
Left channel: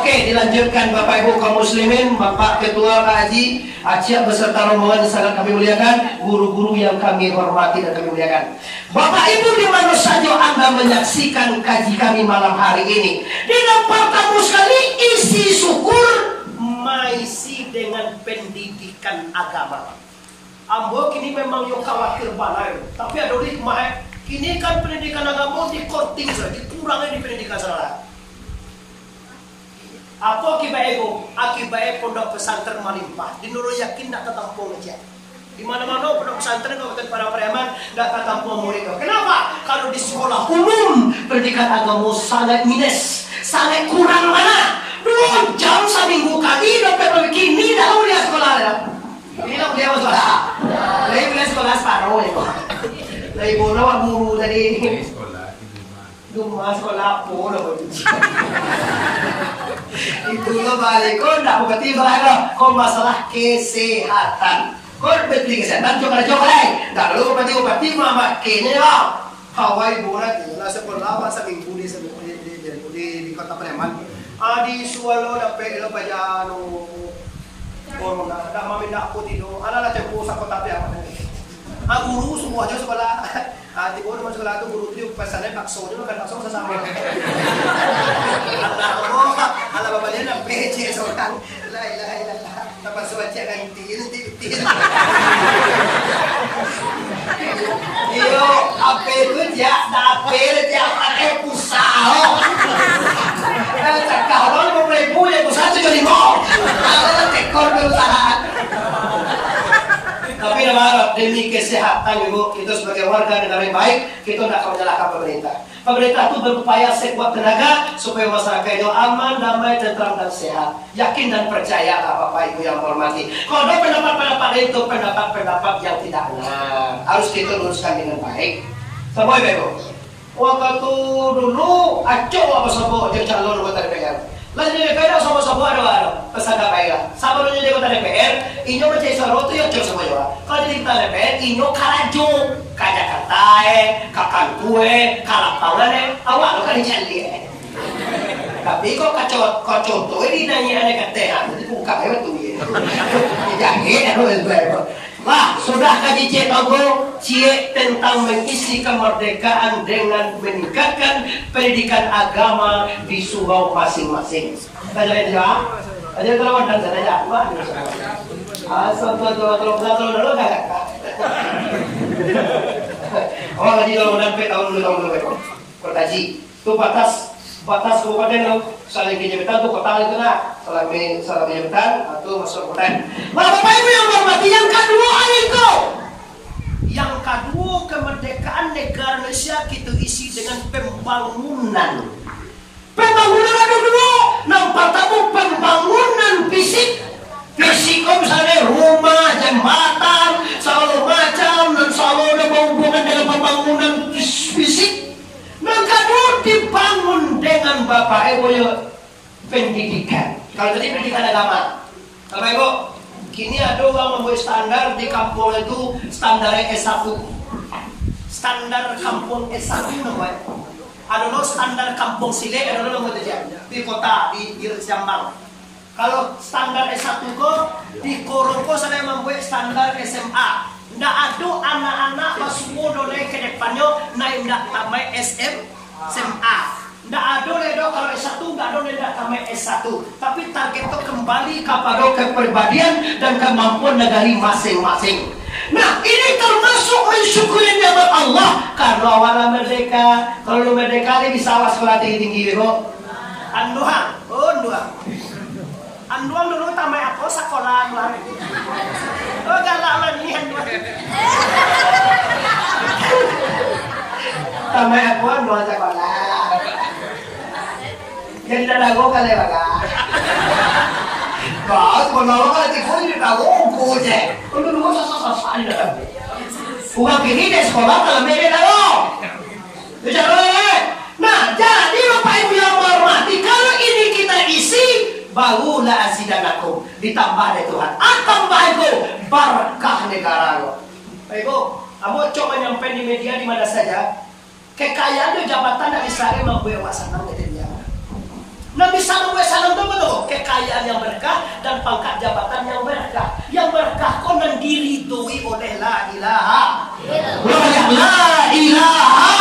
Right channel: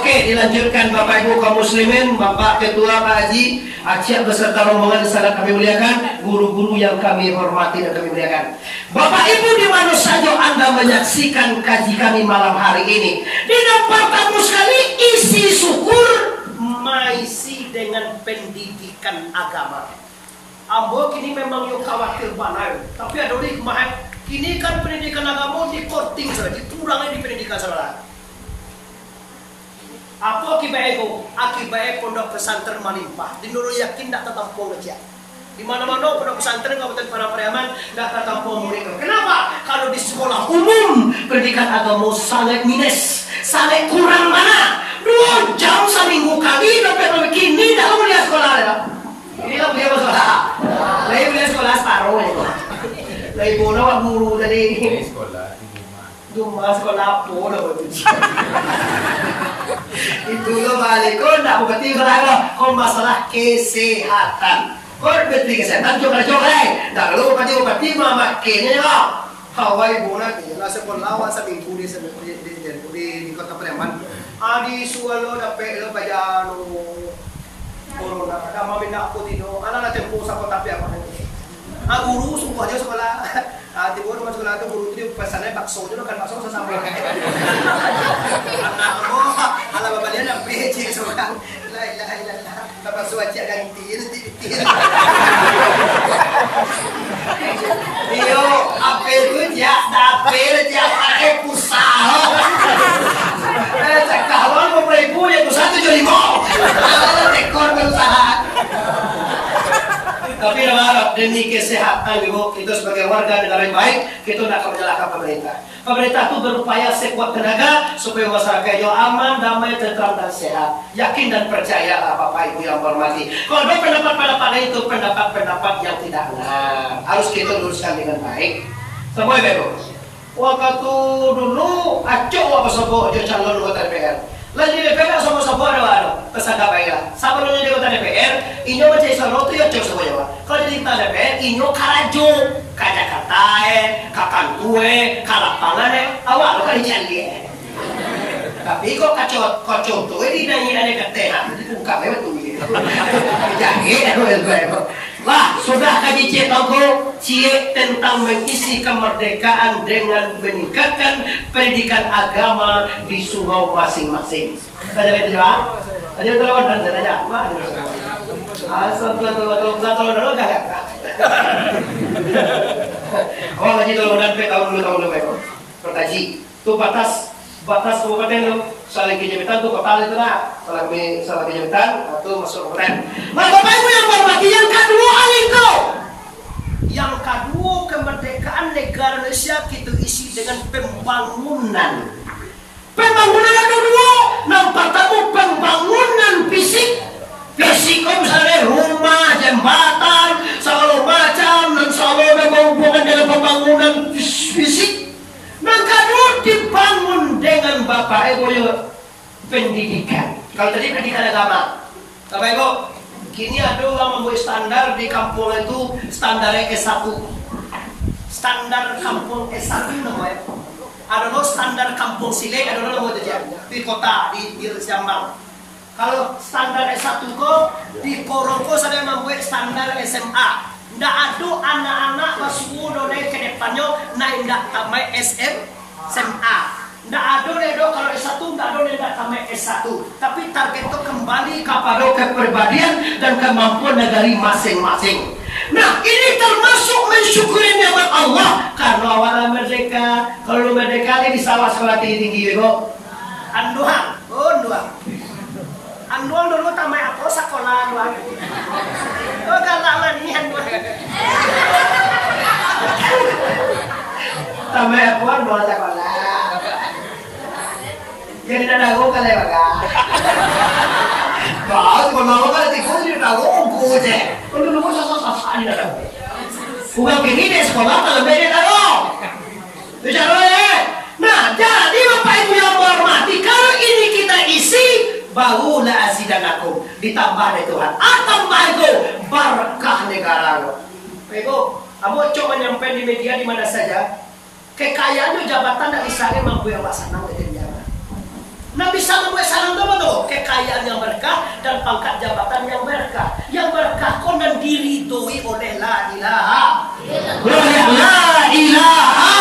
Oke, dilanjutkan Bapak Ibu kaum muslimin, Bapak Ketua Pak Haji Aceh beserta rombongan sangat kami muliakan, guru-guru yang kami hormati dan kami muliakan. Bapak Ibu di mana saja Anda menyaksikan kaji kami malam hari ini. Di tempat tamu sekali isi syukur maisi dengan pendidikan agama. Ambo kini memang yuk khawatir banai, tapi ada orang kemarin kini kan pendidikan agama di korting saja, dikurangi di pendidikan saudara. Apa akibat itu? Akibat pondok pesantren malimpah. Di Nurul yakin tak tertampung aja. Di mana-mana pondok pesantren Kabupaten Pariaman tak tertampung murid. Kenapa? Kalau di sekolah umum pendidikan agama sangat minus, sangat kurang mana? 2 jam seminggu kami dapat begini dah lihat sekolah dah. Ini lah dia sekolah. Lagi boleh sekolah separuh ni. Lagi boleh buat guru tadi. Dumah sekolah apa dah buat. Itulah balik. Kau nak berarti kalau masalah kesehatan. Kau berarti kesehatan juga lain. Dah lalu berarti mama kenya bang. Hawaii bola dia lah sekolah awak seminggu di kota Pariaman. Di Suwalo dapat lo baca corona. Ada mami nak aku tidur. Anak tempo sa kota Pariaman nanti. Guru semua aja sekolah. Tiba rumah sekolah itu guru itu pesannya bakso juga kan bakso sesama. Anak mo, ala babalian ang PC seorang. La ilaha illallah. Dapat suaca ganti nanti. Iyo, apa itu dia? Dapet dia pakai pusau. Kalau mau ibu ya pusau itu jadi mau. Kalau tekor berusaha. Tapi nama demi kesehatan Ibu, itu sebagai warga negara yang baik, kita tidak akan menyalahkan pemerintah. Pemerintah itu berupaya sekuat tenaga supaya masyarakatnya aman, damai, tentram dan sehat. Yakin dan percayalah Bapak Ibu yang hormati. Kalau ada pendapat-pendapat itu pendapat-pendapat yang tidak benar, harus kita luruskan dengan baik. Semua Ibu. Waktu dulu acok apa sebut calon anggota DPR. Lanjut DPR sama-sama ada peserta baiklah. Sabarnya di kota DPR, inyo mencari sorotu ya cok semua Jawa. Kalau di kota DPR, inyo karajo, ke Jakarta ke Kantue, ke lapangan awal lo kan dicari Tapi kok kacau tuh ini nanya aneh ketehan, jadi buka lewat tuh. Jangan ada Wah, sudah kaji cetago cie tentang mengisi kemerdekaan dengan meningkatkan pendidikan agama di surau masing-masing. Ada itu ya? Ada itu lawan dan ada apa? Asal tuh gak. Oh, lagi kalau dan tahun dulu pertaji. Tuh batas kabupaten saling kejabetan tuh kota itu lah salah kejabetan atau masuk kota. Nah, Bapak Ibu yang hormati, yang kedua itu, yang kedua kemerdekaan negara Indonesia kita isi dengan pembangunan. Pembangunan ada dua. Nampak tahu pembangunan fisik kok misalnya rumah, jembatan, segala macam dan selalu ada hubungan dengan pembangunan fisik. Yang kedua dibangun dengan Bapak Ibu pendidikan. Kalau tadi pendidikan agama, Bapak Ibu, kini ada orang membuat standar di kampung itu standar S1. Standar kampung S1 namanya. Ada lo standar kampung Sile, ada lo mau di kota di Jamang. Kalau standar S1 kok di Korongko saya membuat standar SMA. Nggak ada anak-anak basuh dole ke depannya naik nggak tamai SMA. Nggak ada ledo kalau S1 nggak ada nggak tamai S1. Tapi target itu kembali kepada kepribadian dan kemampuan dari masing-masing. Nah, ini termasuk mensyukuri nikmat Allah karena awalnya merdeka. Kalau merdeka ini bisa sekolah tinggi kok. Anduang dulu tamai apa sekolah anduang. Oh galak mani anduang. Tamai apa anduang sekolah. Jadi dah go kali baga. Kalau kalau tikus ni dah go je. Kalau dulu sasa ni dah. Bukan kini di sekolah kalau mereka dah. Bicara Nah, jadi Bapak Ibu yang hormati, kalau ini kita isi barulah asidanakum ditambah dari Tuhan. Tambah itu berkah negara lo. Baik Abo coba nyampe di media di mana saja. Kekayaan itu jabatan tidak bisa membuat awak senang gitu dia. Nah bisa membuat senang itu betul. Kekayaan yang berkah dan pangkat jabatan yang berkah. Yang berkah kau dan diridhoi oleh la ilaha. La ilaha.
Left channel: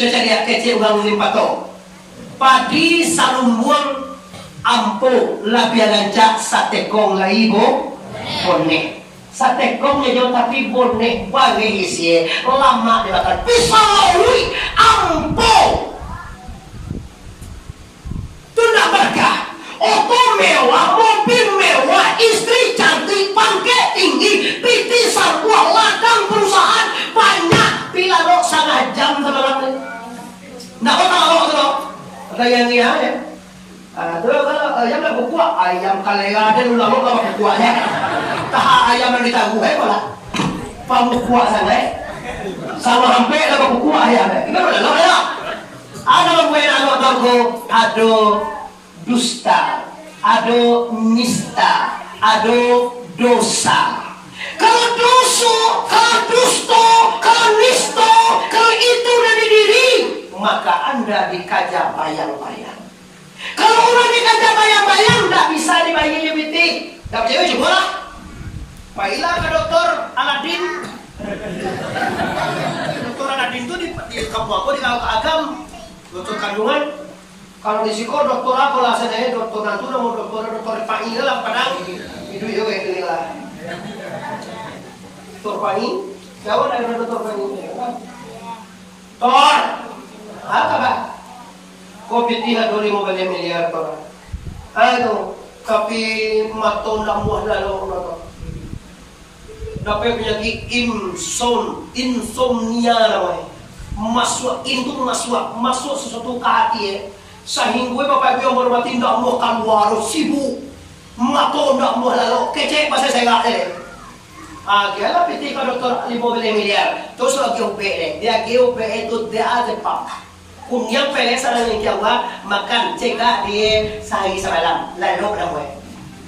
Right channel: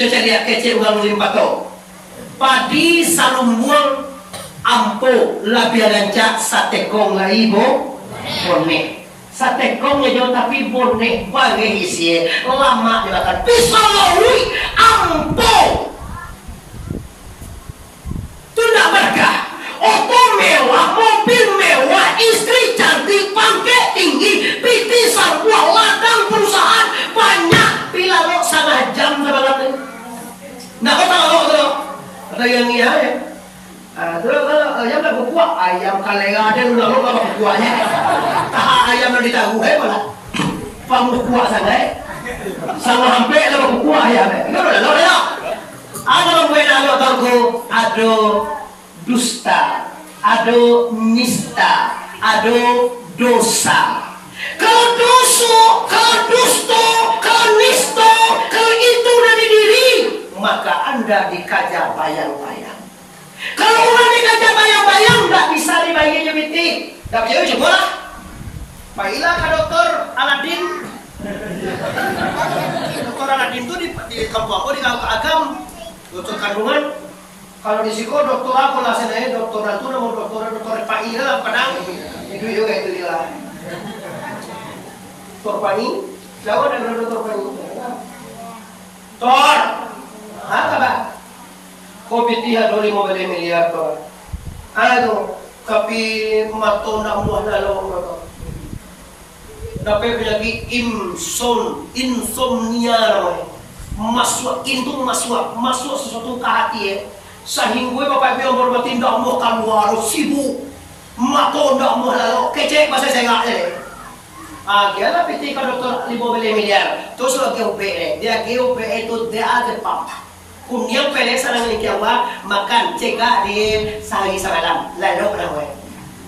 Caca dia kecil ulang limpat tu. Padi salumbuang ampo labia gancak satekong laibo bonek. Satekongnya jauh tapi bonek bagi isi lama dibakar pisau ampo. Itu tidak berkah. Oto mewah, mobil mewah, istri cantik, pangkat tinggi, pitisan buah ladang perusahaan banyak. Bila lo sangat jam sebenarnya. Nah, kau tahu tu? Atau yang ni ya? Terus kalau ayam nak kukuak, ayam kalenga ada ulang kalau kukuaknya. Tak ayam yang ditahu malah. Pamukuak sangat. Sama hampir kalau kukuak ayam. Ini boleh ya? Ada menggunakan alo tahu, ada dusta, ada nista, ada dosa. Kalau dosa, kalau dusta, kalau nista, kalau itu dari diri, maka Anda dikaja bayang-bayang. Kalau orang dikaja bayang-bayang, tidak bisa dibayangnya binti. Tak percaya coba lah. Baiklah ke dokter Aladin. Dokter Aladin itu di kampung aku di kampung Agam, dokter kandungan. Kalau di siko dokter aku lah saya dokter Natuna mau dokter Pai lah Padang. Itu juga itu lah. Dokter Pai, siapa nama dokter Pai? Tor. Apa bah? Kopi tiha 2,5 miliar dolar. Aduh, tapi mato nak muah lalu nato. Dapat penyakit insomnia namanya. Masuk sesuatu ke hati sehingga Bapak Ibu yang hormati nak muah keluar sibuk. Mato nak muah lalu kecek bahasa saya enggak Kaya piti ka doktor 5 miliar. Terus lagi UPE. Dia GUPE itu dia ada pump. Kunyang pele sarang yang kiawa makan cegah di sehari semalam. Lalu dah mulai.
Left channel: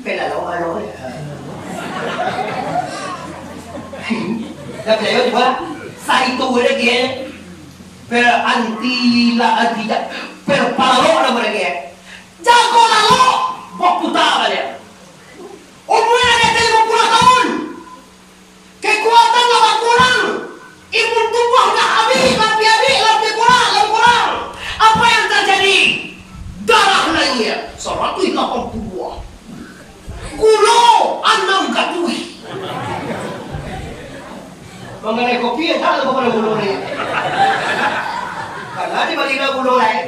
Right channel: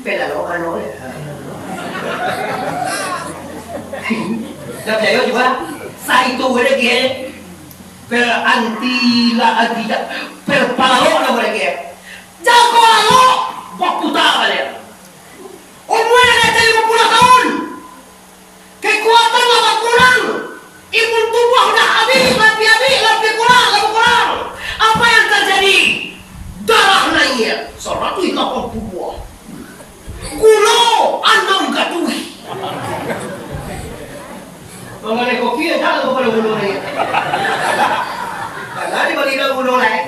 Pela lo anu. Dah kayo juga. Sa itu lagi. Per anti la adida. Per palo na lagi. Jago lo. Buat putar dia. Umur yang ada 50 tahun. Kekuatan lawan kurang. Imun tubuh dah habis, lebih kurang. Apa yang terjadi? Darah naiknya 180. Gula 6 katui. Mengenai kopi yang tak ada gula ni. Karena di Madinah gula lain.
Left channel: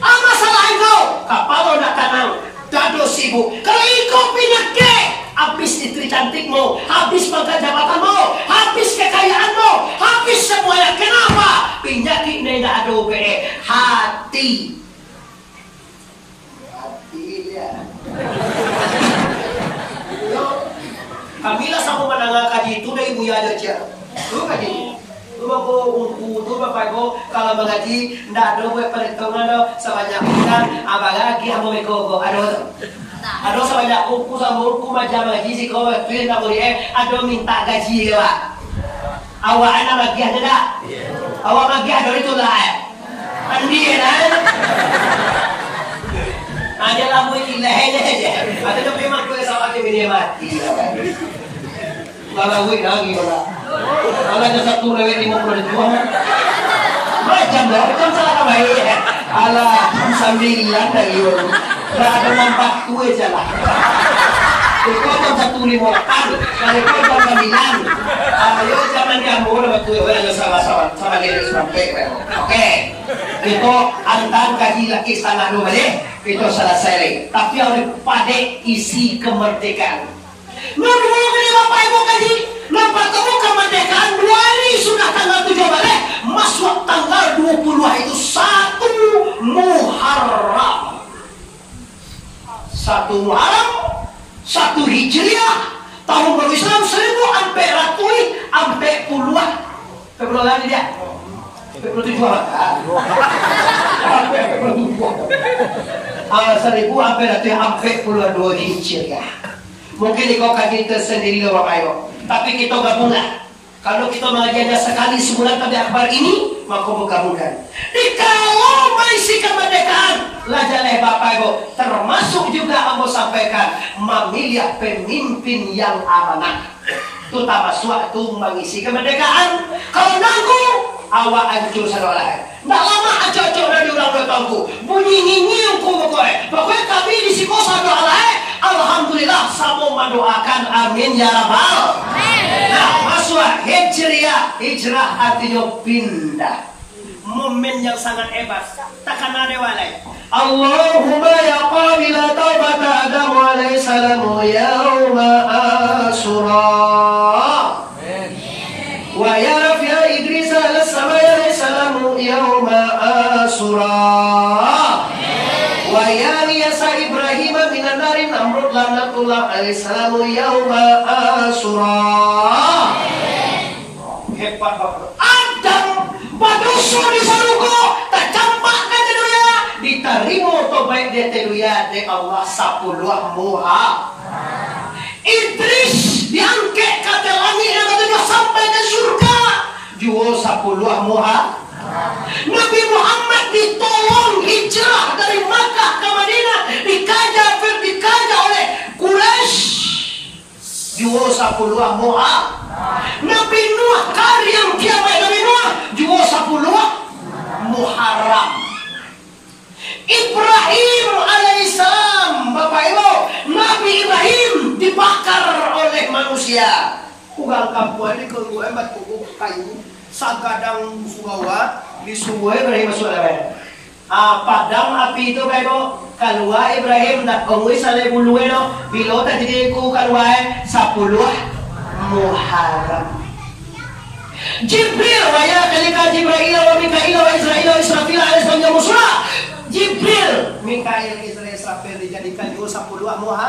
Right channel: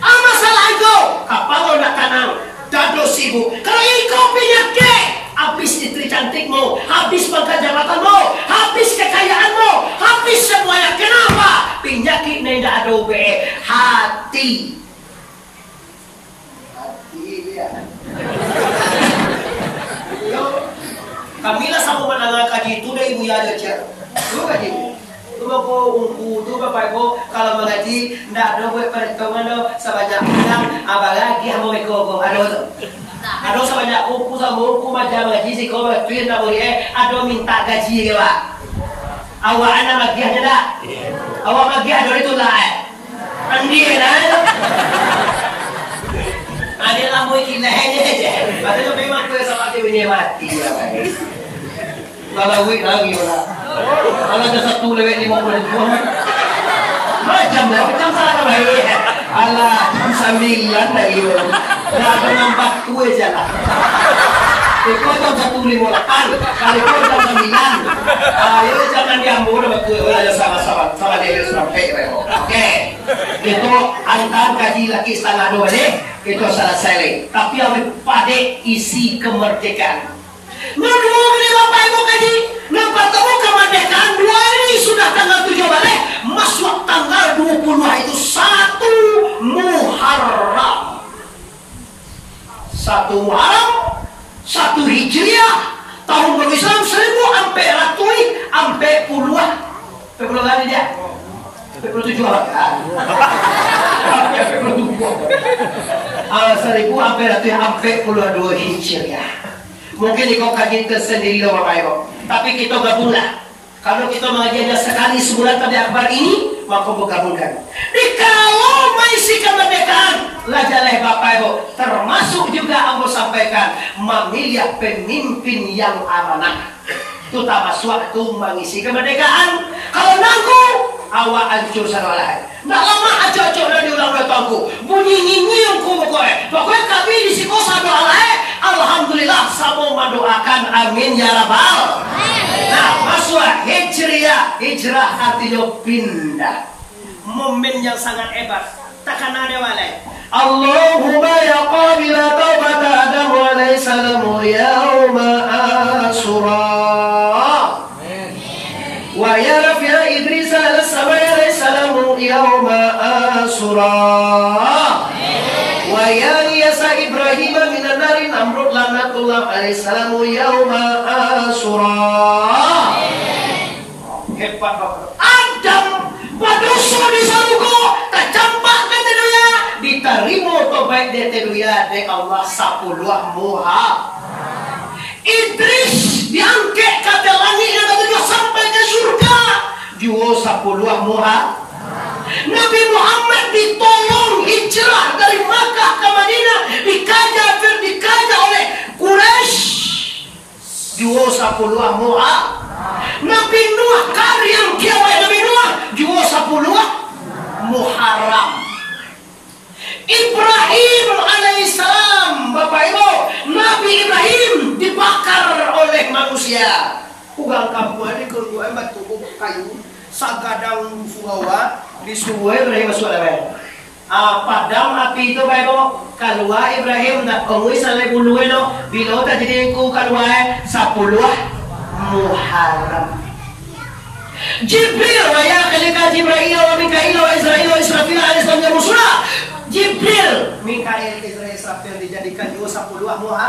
Masalah itu, kapal nak tanam, dado sibuk. Kalau ikut penyakit, habis istri cantikmu, habis pangkat jabatanmu, habis kekayaanmu, habis semuanya. Kenapa? Penyakit ni dah ada hati. Hati dia. Kamilah sama menangah kaji itu dari ibu ya ada cia. Tu kaji. Tu aku ungku tu bapak ibu kalau mengaji ndak ada buat perhitungan do sebanyak bulan abang lagi hamu meko ada tu. Ada sebanyak ungku sama ungku macam mengaji si kau tuin tak boleh ada minta gaji ke pak. Awak anak lagi ada tak? Awak lagi ada itu lah. Andi lah. Ada lah mau ikhlas aja. Ada tu memang tu sama tu bini mati. Kalau wih lagi lah. Kalau ada satu lewat 50 macam salah apa ini? Alah 9 dah you. Dah ada nampak tu aja lah. Kau jam 1.5 kalau kau jam 9. Ayo jangan diambil waktu ada sama-sama dia sampai. Oke. Itu antar kaji lagi setengah 2 deh. Itu selesai lagi. Tapi oleh pada isi kemerdekaan. Nunggu ini bapak ibu kaji. Nampak kamu kemerdekaan 2 hari sudah tanggal 7 balik. Masuk tanggal 20 itu 1 Muharram. 1 Muharram, 1 Hijriah. Tahun baru Islam 1400 sampai puluh. Berapa kali dia? 47 kan? 1000 sampai 42 Hijriah. Mungkin kau kaji tersendiri lah Bapak Ibu. Tapi kita gabunglah. Kalau kita mengajiannya sekali sebulan pada akbar ini, maka bergabungkan. Kalau mengisi kemerdekaan, lajalah Bapak Ibu. Termasuk juga aku sampaikan memilih pemimpin yang amanah. Itu tak suatu mengisi kemerdekaan. Kalau nangku, awak hancur sana lain. Tak lama acok-acok dan diulang oleh tuanku. Bunyi nyinyungku pokoknya. Pokoknya kami di siko satu alaih. Alhamdulillah sama mendoakan amin ya rabbal. Nah masuk hijriah. Hijrah artinya pindah. Momen yang sangat hebat. Takkan ada walai. Allahumma ya qabila taubata Adam alaihi salamu yauma Asyura. Wa ya rafi'a Idris al-samai alaihi salamu yauma Asyura. Wa ya niyasa Ibrahim minan nari Namrud lanatullah alaihi salamu yauma Asyura. Hebat Bapak. Adam padusu di saluku tak campak ke teduya diterima tobat dia teduya de Allah 10 Muharram. Idris diangkat ke langit yang ketujuh sampai ke surga juga 10 Muharram. Nabi Muhammad ditolong hijrah dari Makkah ke Madinah dikaja oleh Quraisy juga 10 Muharram. Nabi Nuh karyam kiamat Nabi Nuh juga 10 Muharram. Ibrahim alaihissalam Bapak Ibu, Nabi Ibrahim dibakar oleh manusia. Ugang kampung di keluar batu kayu sagadang furawa disuruh Ibrahim masuk dalam. Padam api itu Bapak Ibu keluar Ibrahim nak kongui salai bulu eno bila terjadi ku keluar 10 Muharram. Jibril waya kalika Jibril wa Mikail wa Israil wa Israfil alaihissalam yang musra. Jibril, Mikail, Israel, Israfil dijadikan jadikan juga 10 muha.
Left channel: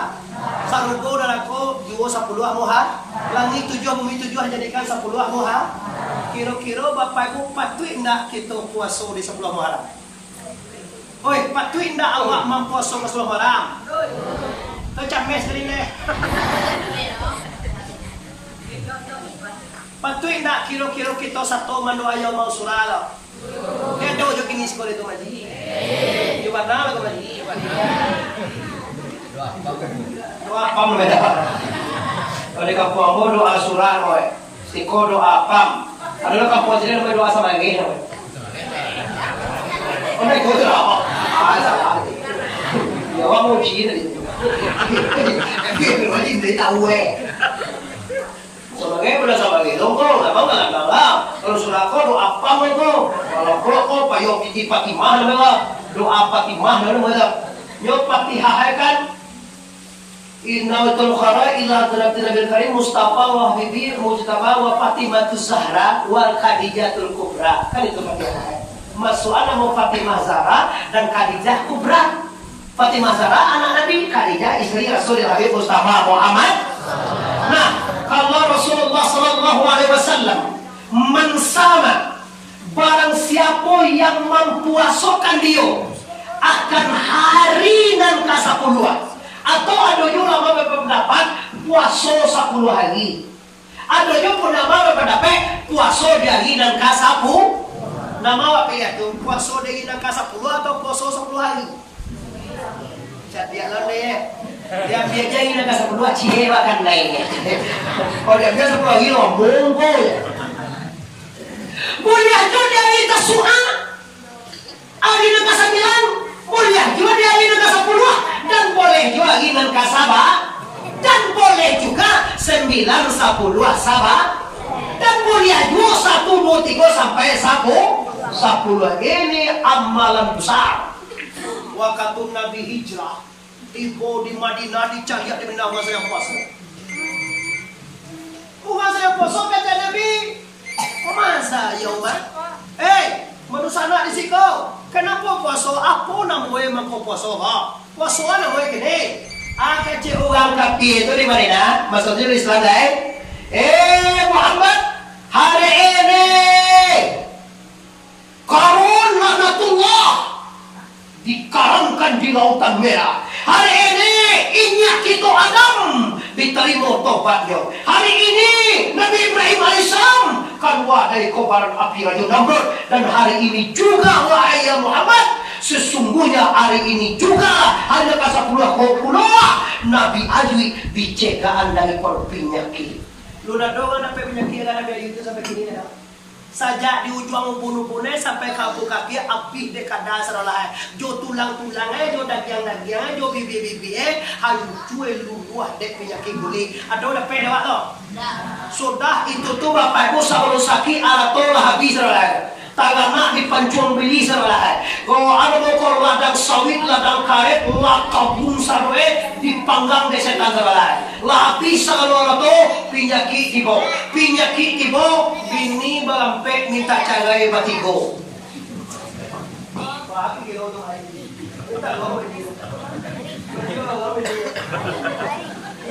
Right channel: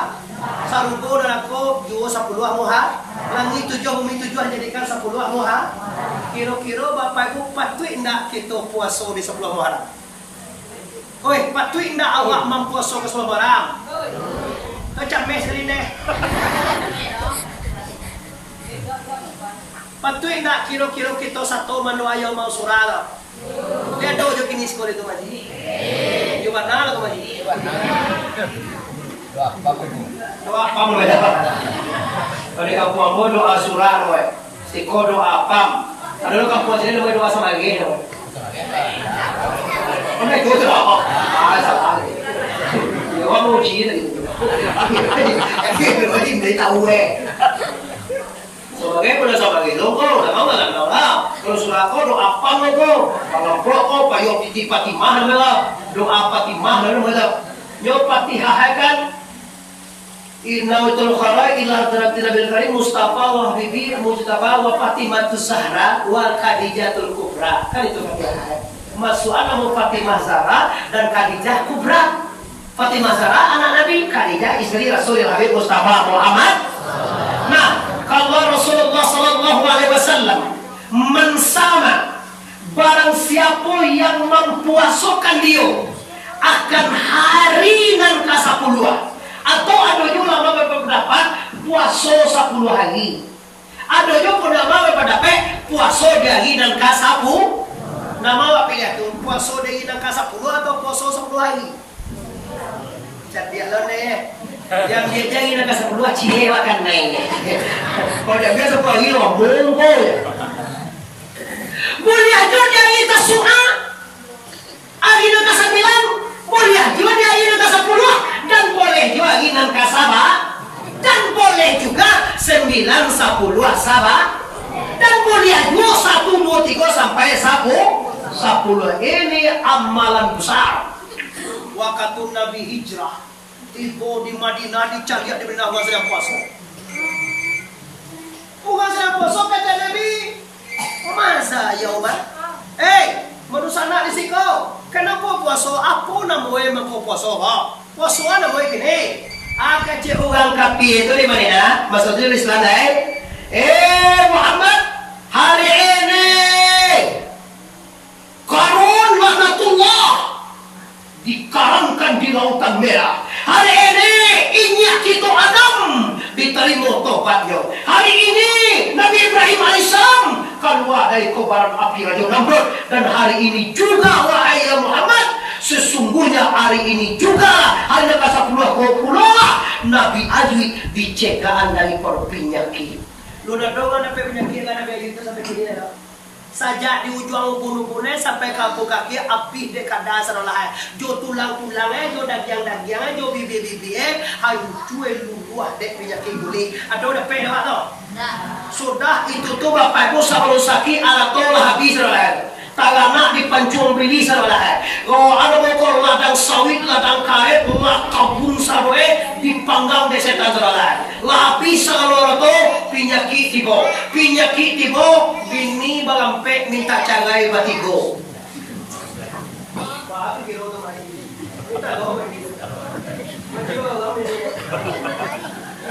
Sarugo dan aku juga 10 muha. Langit 7 bumi 7 jadikan 10 muha. Kira-kira Bapak Ibu patut ndak kita puasa di 10 Muharram? Oi, patut ndak awak mempuasa ke 10 Muharram? Macam mes kali ni. Patut ndak kira-kira kita satu mendoa yang mau surah. Dia doa jo kini sekolah itu maji. Yo warna lah maji. Doa apa mun beda? Kalau kampung aku doa surah roy. Siko doa pam. Kalau kampung sini doa sama lagi. Ini kau doa. Salah. Ya orang mau ciri tadi. Dia macam dia tahu Sebagai boleh sebagai logo, memang nggak tahu lah. Kalau surah kau doa apa mereka? Kalau kau payung titi Fatimah mereka doa Fatimah mereka. Nyop Fatihah kan? Innaul khara ila tanabil karim Mustafa wa Habibi Mujtaba wa Fatimatus Zahra wa Khadijatul Kubra. Kan itu Fatihah. Masuknya mau Fatimah Zahra dan Khadijah Kubra. Fatimah Zahra anak Nabi, Khadijah istri Rasulullah Habib Mustafa Muhammad. Nah, kalau Rasulullah sallallahu alaihi wasallam mensama barang siapa yang mempuasakan dia akan hari nan ke-10 atau ada juga berpendapat puasa 10 hari. Ada juga berpendapat puasa dari nan ke-10. Nama apa ya tu? Puasa dari nan ke-10 atau puasa 10 hari? Jadi lah ni. Yang dia jadi nak 10 cie makan naik. Kalau dia biasa 10 hari lah monggo. Boleh aja dia hari Tasu'a. Hari nak 9, boleh juga dia hari nak 10 dan boleh juga hari nak 7 dan boleh juga 9, 10, Sabah dan boleh juga 1, 2, 3 sampai 10. Ini amalan besar. Waktu Nabi hijrah, ibu di Madinah dicari di Madinah bukan sedang puasa. Bukan sedang puasa kata Nabi. Masa ya Umar? Manusia nak di situ. Kenapa puasa? Apa namanya mengkau puasa? Puasa namanya kini. Kecil orang kafir itu di Madinah. Maksudnya di Islam Muhammad, hari ini Qarun laknatullah dikaramkan di Lautan Merah. Hari ini inyak kita Adam diterima tobatnya. Hari ini Nabi Ibrahim alaihissalam keluar dari kobaran api Raja Namrud. Dan hari ini juga wahai Muhammad, sesungguhnya hari ini juga hari ke-10 Nabi Ayub dicegahan dari penyakit. Lu nak doang dapat penyakit kan Nabi Ayub itu sampai kini dah. Sajak di ujung ubun-ubunnya sampai kaki kaki api dekat dasar lah. Jo tulang-tulangnya, jo dagiang-dagiangnya, jo bibi-bibi hancur luruh dek penyakit kulit. Ada udah pedawak tu? Sudah itu tu Bapak Ibu sabun sakit alatolah habis lah. Tagana dipancung beli sarlah. Kalau ada bokor ladang sawit, ladang karet, kabun sarwe dipanggang desa sarlah. Lapi sakalora tu penyakit tibo, bini balampek minta cangai batigo. Bapak kilo tu mari. Kita bawa ini. Betul lah ini.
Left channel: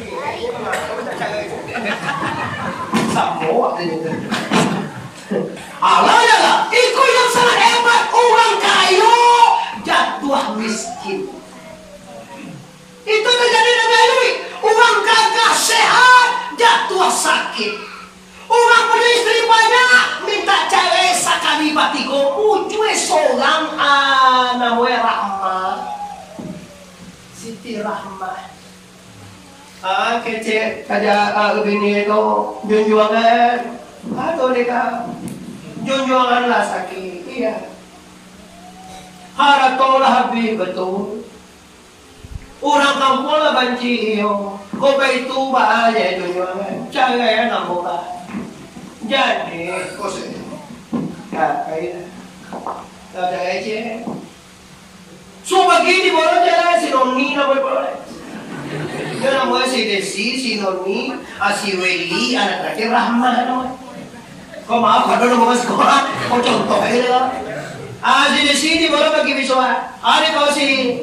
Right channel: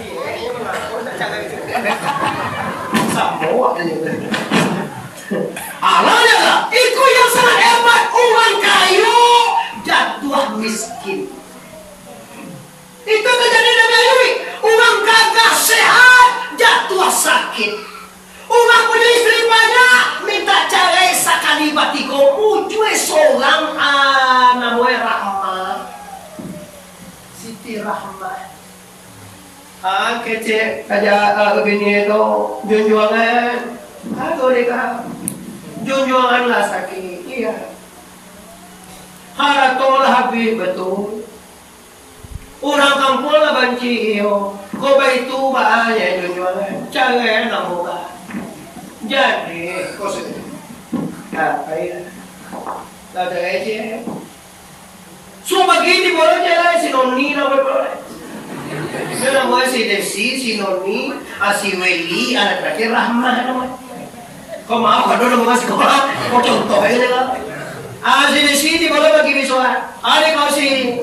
Ini mengapa minta cangai? Semua tu. Alahnya lah, itu yang sangat hebat. Orang kaya jatuh miskin. Itu terjadi Nabi Ayub. Orang gagah sehat jatuh sakit. Orang punya istri banyak minta cerai sekali batigo. Mujue seorang namanya Rahmah, Siti Rahmah. Kecil kaja bini itu junjungan. Aduh mereka junjungan lah sakit. Iya. Haratolah habis betul. Orang kampung lah banci iyo. Kau itu bahaya junjungan. Jangan namukan. Jadi kau sedih. Kayak tak ada aja. So begini boleh jalan si Noni nak boleh. Dia namanya si Desi, si Noni, si Weli, anak terakhir Rahmah namanya. Kau maaf kalau nama sekolah, kau contoh aja lah. Si Desi di boleh bagi besok. Ada kau si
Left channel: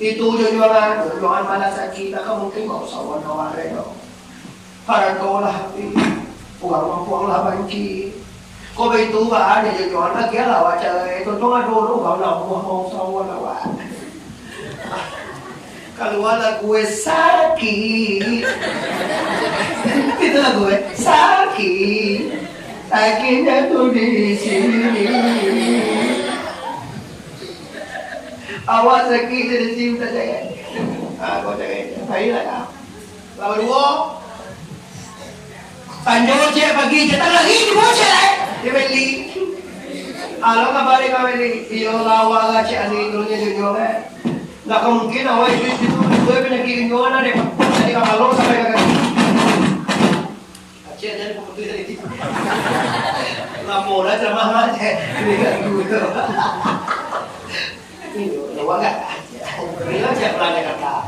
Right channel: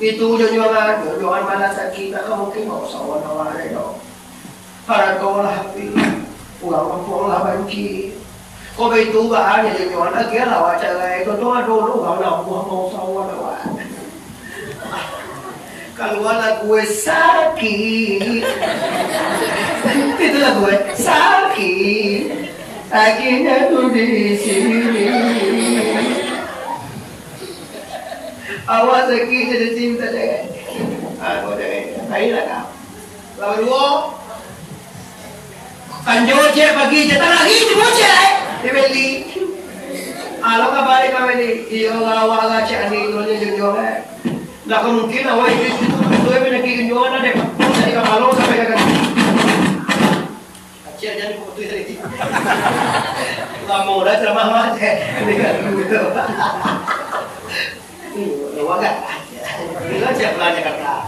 Itu junjungan mana sakit nak mungkin mau sawan aware do. Para dolah pi. Uang lah bangki. Ko itu ba ada junjungan lagi lah waca itu tuh dulu kalau mau sawan aware. Kalau lah gue sakit. Itulah gue sakit. Akhirnya tuh di sini. Awas sakit dari sini saja kan. Aku jangan. Ayolah kau. Lalu dua. Panjol cek pagi jatah lagi di bocah dibeli. Alo kabari kabeli. Iyo lawa lah cek ani turunnya junjungan. Nggak mungkin awal itu penyakit junjungan ada. Jadi kalau sampai ke kaki. Aceh jadi putih dari itu. Lama dah ceramah macam. Lihat dulu. Enggak. Bilang siapa belanja kata.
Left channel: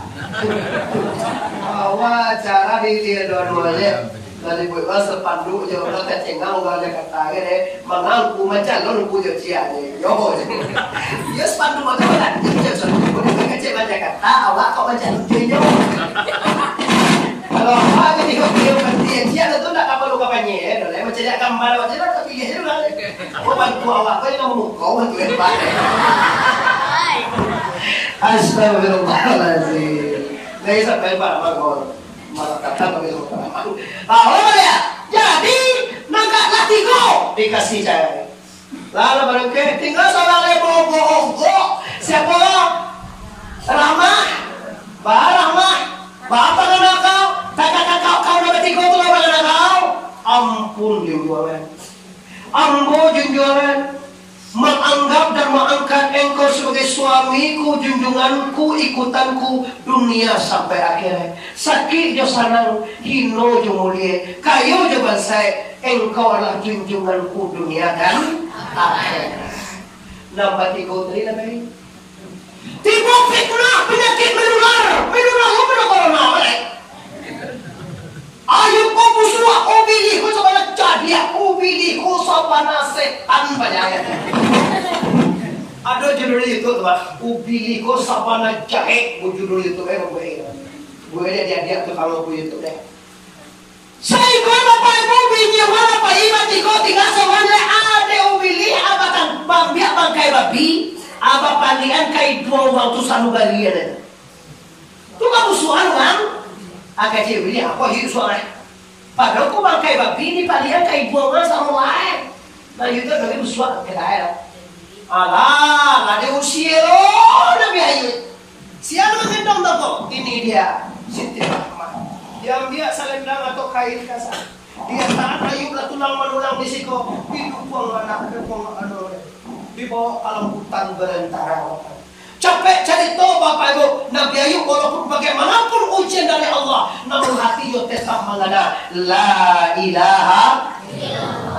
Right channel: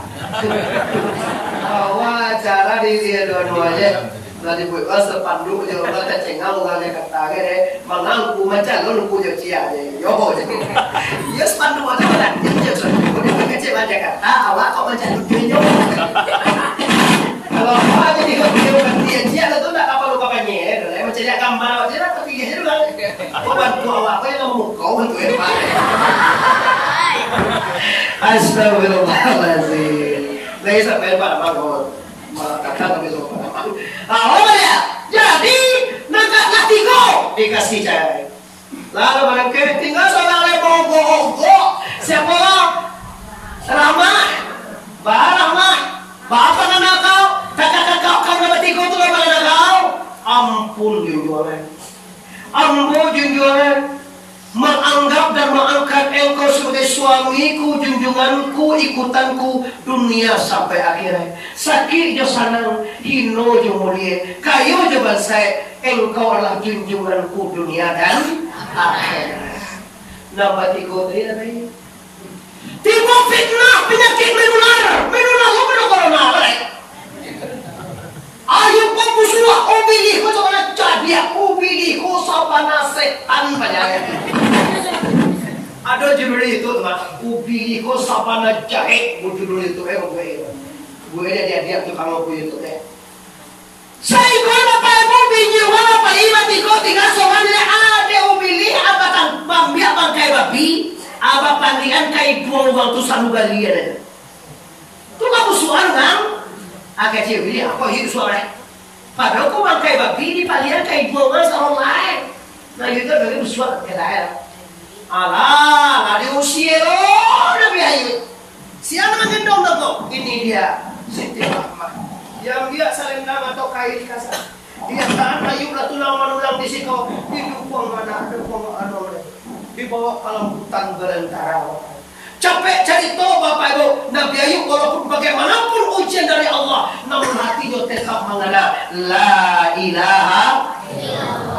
Awal cara di dia dua-duanya. Tadi buat masa pandu je orang tak cengang orang dia kata ke mangangku macam lu punya cia je. Yo. Ya pandu macam mana? Dia suruh dia kecil macam kata awak kau macam lu dia. Kalau awak ni dia dia cia tu tak apa lu kapanya. Dah macam dia gambar awak je tapi dia juga. Kau bantu awak kau yang mau kau bantu apa? Astagfirullahaladzim. Nah, sampai pada mangkor. Kata begitu pada mangkor. Apa dia? Jadi nangkatlah tigo dikasih cahaya. Lalu barangkali tinggal seorang lebo bohong. Siapa orang? Ramah, Ramah. Bapak anak kau, kakak kau dapat tigo tu apa anak kau? Ampun junjungan. Ampun junjungan. Menganggap dan mengangkat engkau sebagai suamiku, junjunganku, ikutanku dunia sampai akhirnya. Sakit jo sanang, hino jo mulia, kayo jo bansai, engkau adalah junjunganku dunia dan akhirat. Nambah tigo tadi apa ini? Tigo fitnah, penyakit menular lo pada corona, ayo kau busua, ubili kau coba nak cadia, ubili kau sapana setan banyak. Ada judul itu tuh, ubili kau sapana jahe, judul itu gue dia tukang gue itu deh. Saya gue bapak ibu binya wala pak ibat di kau tinggal soalnya ada ubili abatan bambia bangkai babi, apa panggilan kai buang waktu sanu balian. Tu kamu suan kan? Agak cewek ini apa hidup suara? Padahal kau bangkai babi di palian kai buangan sama lain. Nah itu bagi suara ke daerah. Alah, ada usia udah biayu. Siapa mengendong kok? Ini dia Siti Rahmat. Yang dia salendang atau kain kasar. Dia tahan ayub lah tulang manulang di siko. Hidup buang anak, ada buang anak. Dibawa kalang hutan berantara. Capek cari tahu Bapak Ibu, Nabi Ayub walaupun bagaimanapun ujian dari Allah, namun hatinya tetap mengada la ilaha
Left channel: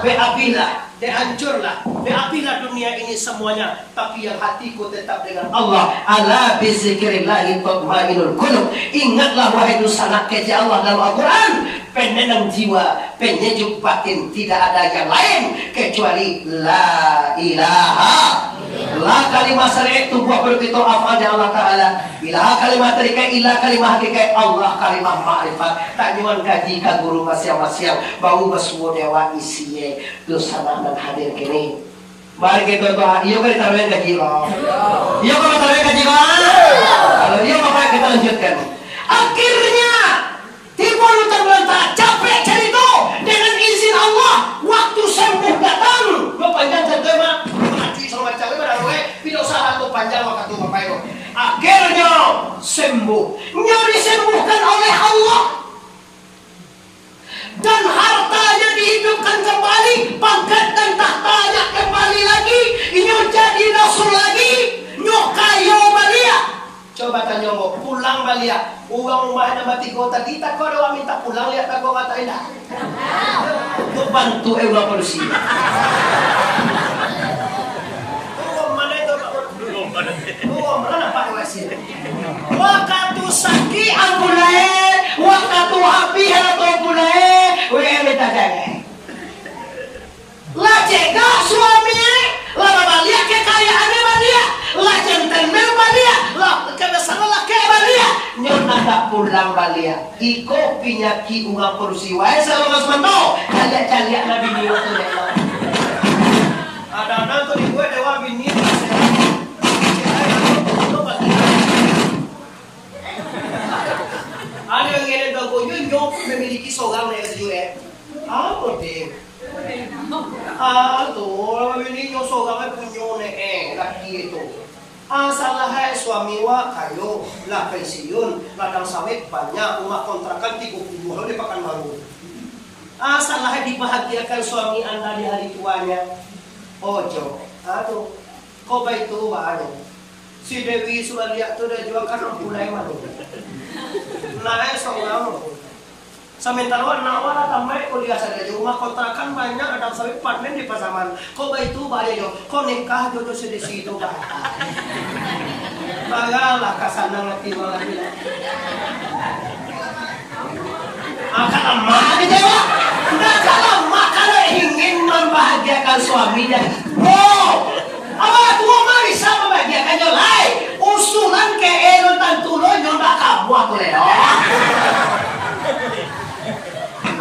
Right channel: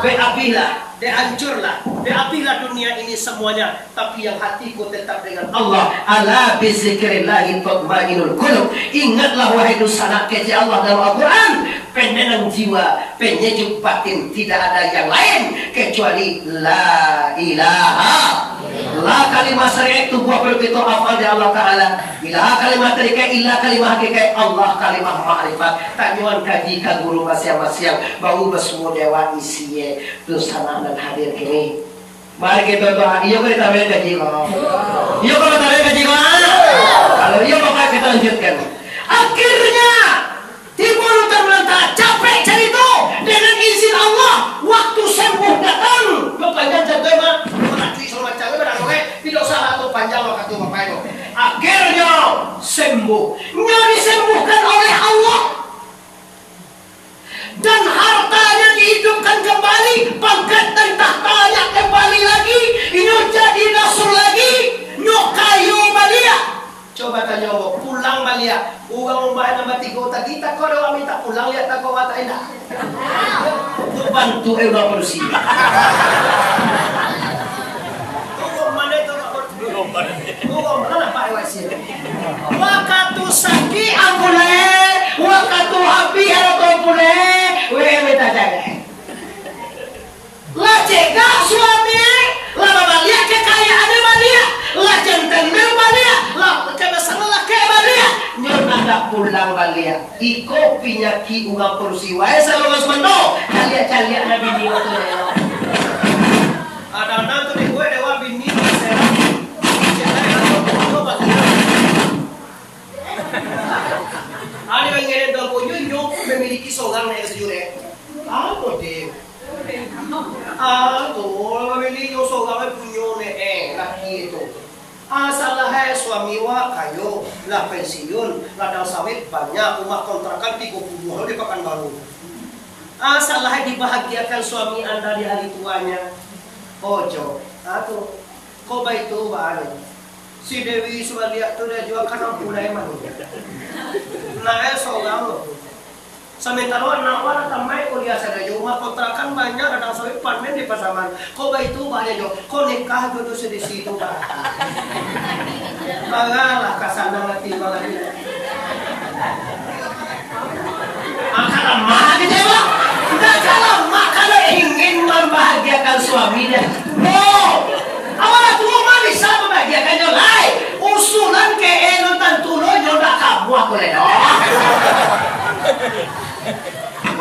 beapilah, dihancurlah, beapilah dunia ini semuanya, tapi yang hatiku tetap dengan Allah. Ala bizikrillahi tatmainul qulub. Ingatlah wahai dosana keji Allah dalam Al-Quran, penenang jiwa, penyejuk batin, tidak ada yang lain kecuali la ilaha. La kalimah syariat itu buah begitu afal dari Allah Ta'ala. Ilaha kalimah terika ilah kalimah hakikat Allah kalimah ma'rifat. Tanyuan kaji ka guru masing-masing. Bau bersemua dewa isiye dosana dan hadir kini. Mari kita doa. Iya kau ditambahin gaji kau. Iya kau ditambahin gaji kau. Kalau iya maka kita lanjutkan. Akhirnya timbul terlantara capek cari itu dengan izin Allah. Waktu sembuh datang. Berpanjang jadwal macam mana tidak salah atau panjang waktu Bapak Ibu. Akhirnya sembuh, disembuhkan oleh Allah dan hartanya dihidupkan kembali, pangkat dan tahtanya kembali lagi, ini jadi nasr lagi, kayo balia. Coba tanya pulang balia, uang rumah nama tiga kita kau doa minta pulang lihat tak kau kata enak. Untuk bantu ewa produksi. Waktu sakit ampune, waktu habis ampune, minta jaga. Lah cegah suami, lah babalia kekayaan balia, lah jantan balia, lah karena salah kadang balia iko pinyaki ungang polusi wae selalu mas mento kalian nabi niyo tuh ada tuh di gue dewa bini serang atau pasti ada yang ngene dong kunyo memiliki sogang na sejure apa deh tuh memiliki sogang punyo ne laki itu salah suami wa kayo lah pensiun ladang sawit banyak rumah kontrakan 30 hari di Pekanbaru. Salah dibahagiakan suami anda di hari tuanya. Ojo, tuh kau baik tuh banyak. Si Dewi sudah lihat tuh dia jual kanam pulai mana. Nah seorang sementara nawar tamai kau lihat saja rumah kontrakan banyak ladang sawit apartemen di Pasaman. Kau baik tuh banyak yo. Kau nikah jodoh sedih situ bah. Bagalah kasana ngati malami. Akalamah di dewa. Akalamah kalau ingin membahagiakan suami dan awalnya tuh mah bisa membahagiakannya lai. Usulan ke elon tantulo nyoba kamu aku leo.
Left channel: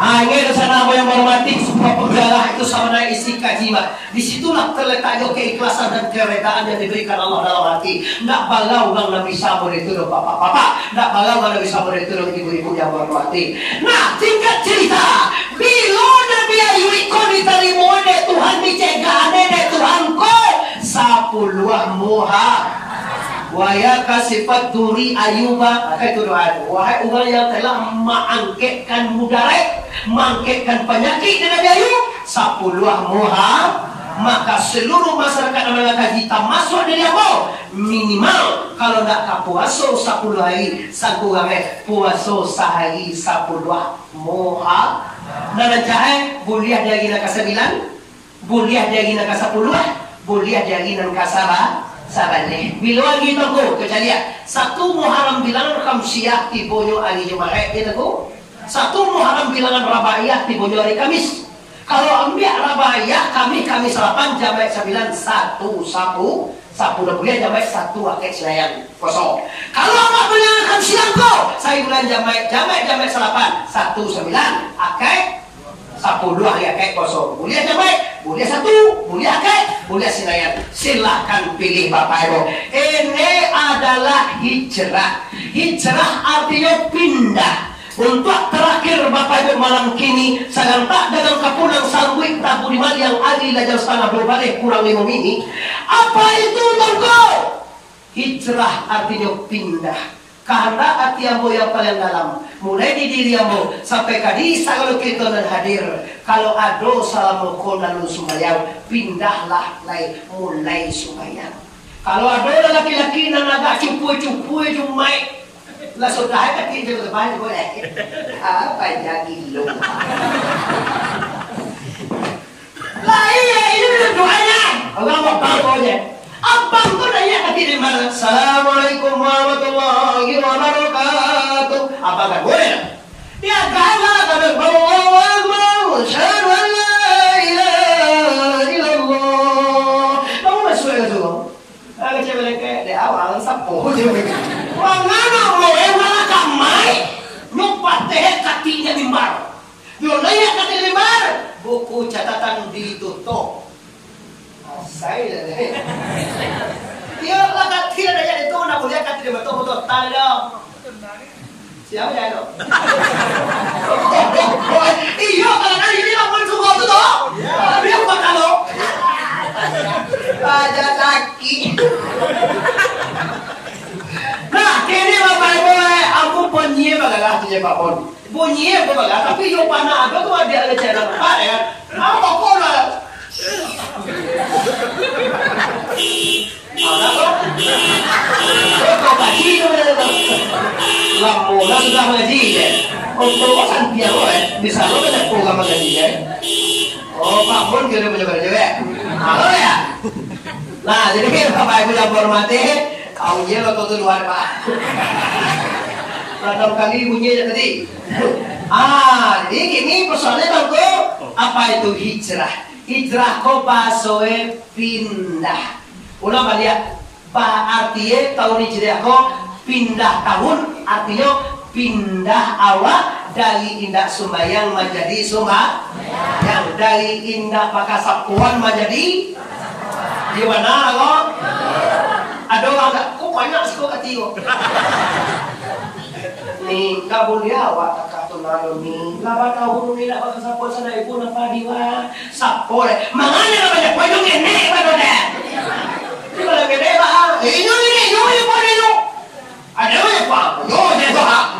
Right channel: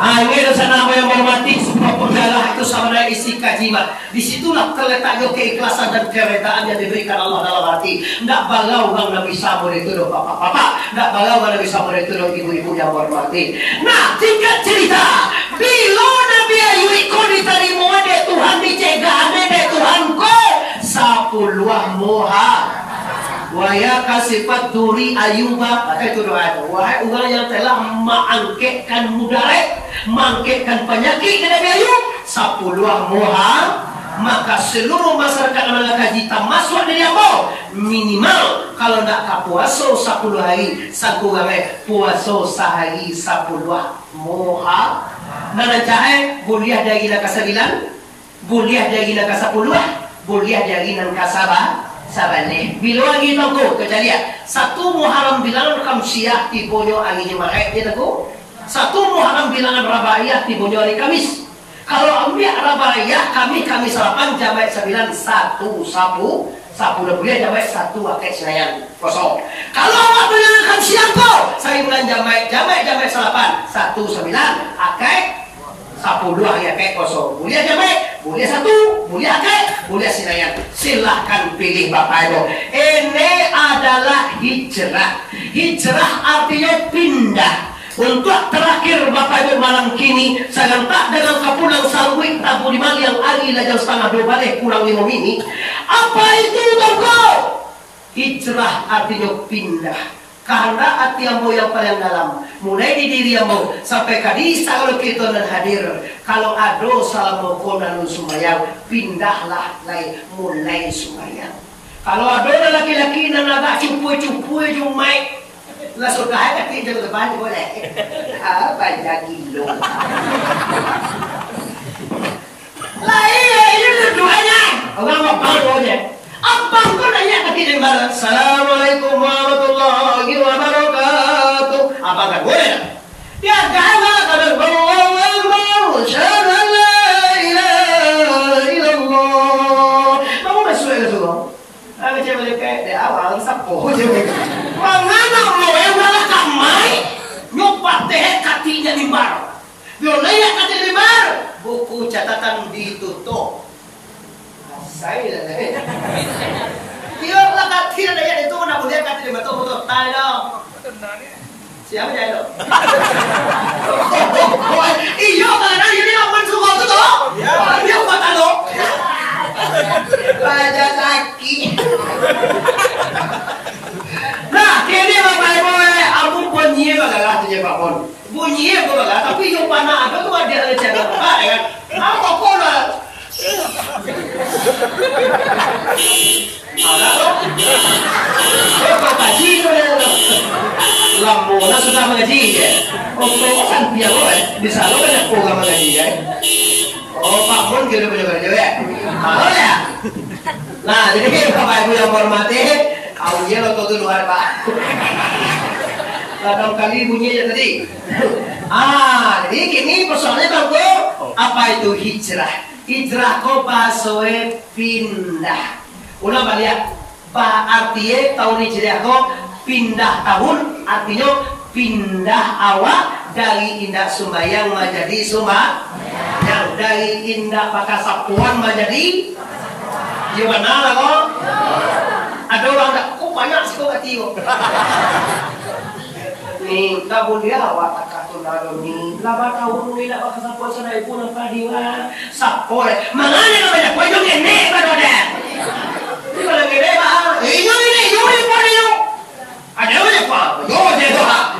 Ini dosa nama yang hormati semua penggalah itu sama dengan isi kajima. Disitulah terletaknya keikhlasan dan keredaan yang diberikan Allah dalam hati. Nggak balau bang Nabi Sabur itu dong bapak-bapak. Nggak balau bang Nabi Sabur itu dong ibu-ibu yang hormati. Nah tingkat cerita. Bila Nabi Ayub itu diterima oleh Tuhan dicegah oleh Tuhan ko sapuluh moha. Waya kasifat duri ayuba itu doa itu. Wahai orang yang telah mengangketkan mudarat, mengangketkan penyakit di Nabi Ayub, 10 moha, maka seluruh masyarakat Malaka kita masuk di Yabo. Minimal kalau tidak kapuaso 10 hari, sangku game puaso sehari 10 moha. Dan jahe buliah dari nak 9, buliah dari nak 10, buliah dari nak sabane bilang gitu ko kecuali satu Muharram bilangan Khamsiyah tibonyo hari Jumat gitu ko satu Muharram bilangan Rabaiyah tibonyo hari Kamis. Kalau ambil Rabaiyah kami 8 Jamaah 9 sapu udah boleh Jamaah 1 akek selayan kosong. Kalau awak bilangan Khamsiyah ko saya bulan Jamaah 8 1 9 akek 10 hari akek kosong. Boleh Jamaah boleh 1, boleh akek, boleh sinayan. Silahkan pilih Bapak Ibu. Ini adalah hijrah. Hijrah artinya pindah. Untuk terakhir Bapak Ibu malam kini sangat tak dalam kapulang sarwik tabu di mal yang ali lajang setengah 2 balik kurang 5 mini. Apa itu tongko? Hijrah artinya pindah. Karena hati ambo yang paling dalam mulai di diri ambo sampai kadisa kalau kita nan hadir kalau ado salamu konalu sumayang pindahlah lai mulai sumayang kalau ado laki-laki nan agak cupu-cupu jumai lah sudah ada kita depan boleh apa jagilo lah iya ini doanya Allah mau bangunnya abang kau nanya kati di mana? Assalamualaikum warahmatullahi wabarakatuh. Apa kan boleh tak? Dia gala kadang Allahu syahadu an la ilaha illallah. Kamu masuk ke situ? Aku cakap mereka di awal sapu je mereka. Mangana mau yang nak kamai nyoba teh katinya limbar. Biar nanya kati limbar. Buku catatan ditutup. Saya biarlah kati ada yang itu nak boleh kati dia betul-betul tay dong. Siapa jadi dong? Iyo karena ini aman suka tu toh. Dia kata dong. Baca sakit. Nah, kini Bapak Ibu, aku bunyi bagalah tu je Pak Pon. Bunyi aku bagalah, tapi yo panah ada tu ada cara apa kan? Apa kau lah? Ada toh? Kau kaji tu Lambola sudah mengaji ya. Untuk kan piano bisa lo banyak program mengaji ya. Oh Pak Mun kita punya kerja ya. Halo ya. Nah jadi Bapak Ibu yang hormati, kamu je lo tuh luar Pak. Kadang kali bunyinya tadi. Jadi kini persoalannya tangko apa itu hijrah? Hijrah ko basoe pindah. Ulang balik. Artinya tahun hijrah ko pindah tahun artinya pindah awak dari indah sumbayang menjadi yang dari indah pakasapuan menjadi di mana lah kok? Ada orang tak kok banyak sih kok katiyo. Ni kabul dia awak tak katunalo ni laban awak ni nak pakasapuan sana ibu nampak diwa sapol. Manganya banyak poin yang enek pada dah. Kalau gede bah, ini pun ini. Ada banyak pak, yo je bah.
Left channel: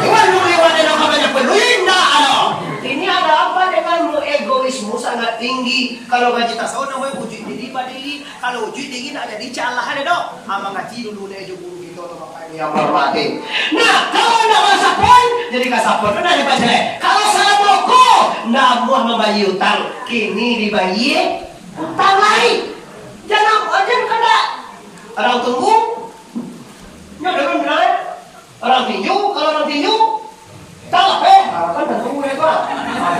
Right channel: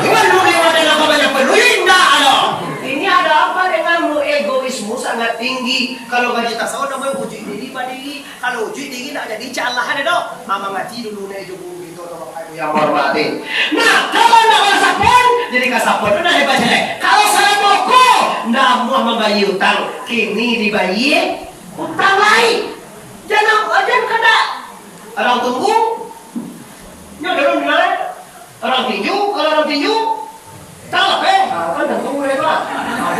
Iwan lu ada nama banyak peluinda ada. Ini ada apa denganmu egoismu sangat tinggi. Kalau gaji tak sawa namanya uji diri padiri. Kalau uji diri nak jadi calah ada dok. Ama ngaji dulu nih juga gitu loh bapak yang hormati. Nah kalau nak kasapon, jadi kasapon itu dah dibaca. Kalau salah toko, namuah membayi utang. Kini dibayi utang lain. Jangan kena orang tunggu nyodorun benar orang tinju kalau orang tinju salah kan dah tunggu ya pak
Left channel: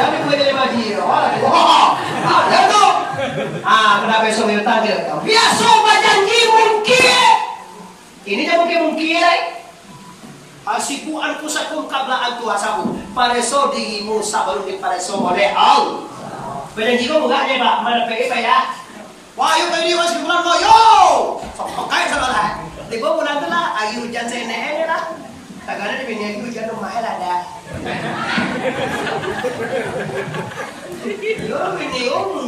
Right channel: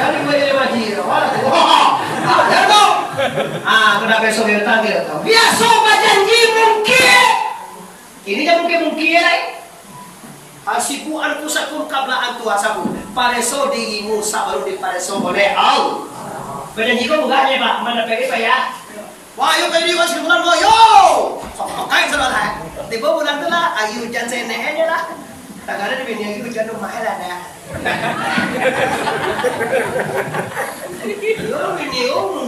jadi gue jadi baji ada tuh kenapa besok dia tanggil biasa janji mungkin ini jangan mungkin asibu anfusakum qabla an tuhasabu pareso dirimu sebelum dipareso oleh Allah berjanji kau bukan ya pak mana pergi pak ya. Wah, yuk tadi masih bulan lo, yo, pakai sama lah. Di bawah bulan tu lah, ayu hujan sene ni lah. Tak ada di bini ayu hujan rumah lah dah. Yo bini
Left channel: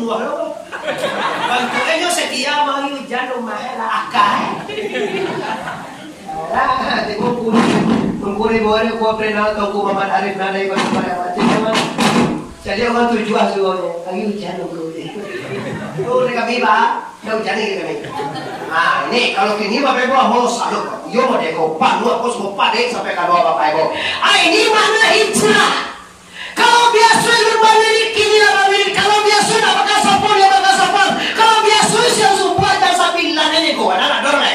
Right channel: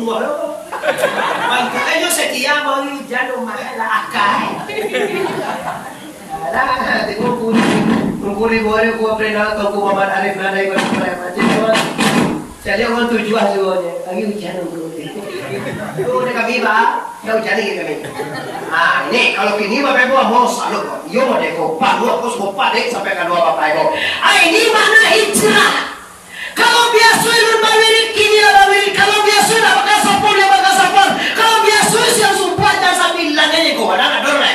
muah lo. Bantu ayo setia mau hujan rumah lah akai. Lah, di bawah bulan boleh gua pernah tahu gua Muhammad Arif nada ikut pada macam mana. Jadi orang tujuan semuanya, ayu hujan rumah. Oh, ni kami bah, dah hujan lagi kami. Ini kalau kini bapak ibu mau salut, yo mau deko, pak dua pos bapak dek sampai ke dua bapak ibu. Ini makna hijrah. Kalau biasa lu balik kini balik, kalau biasa nak pakai sapon ya pakai sapon. Kalau biasa siang subuh dan sambilan ni ko, ada dorong ni.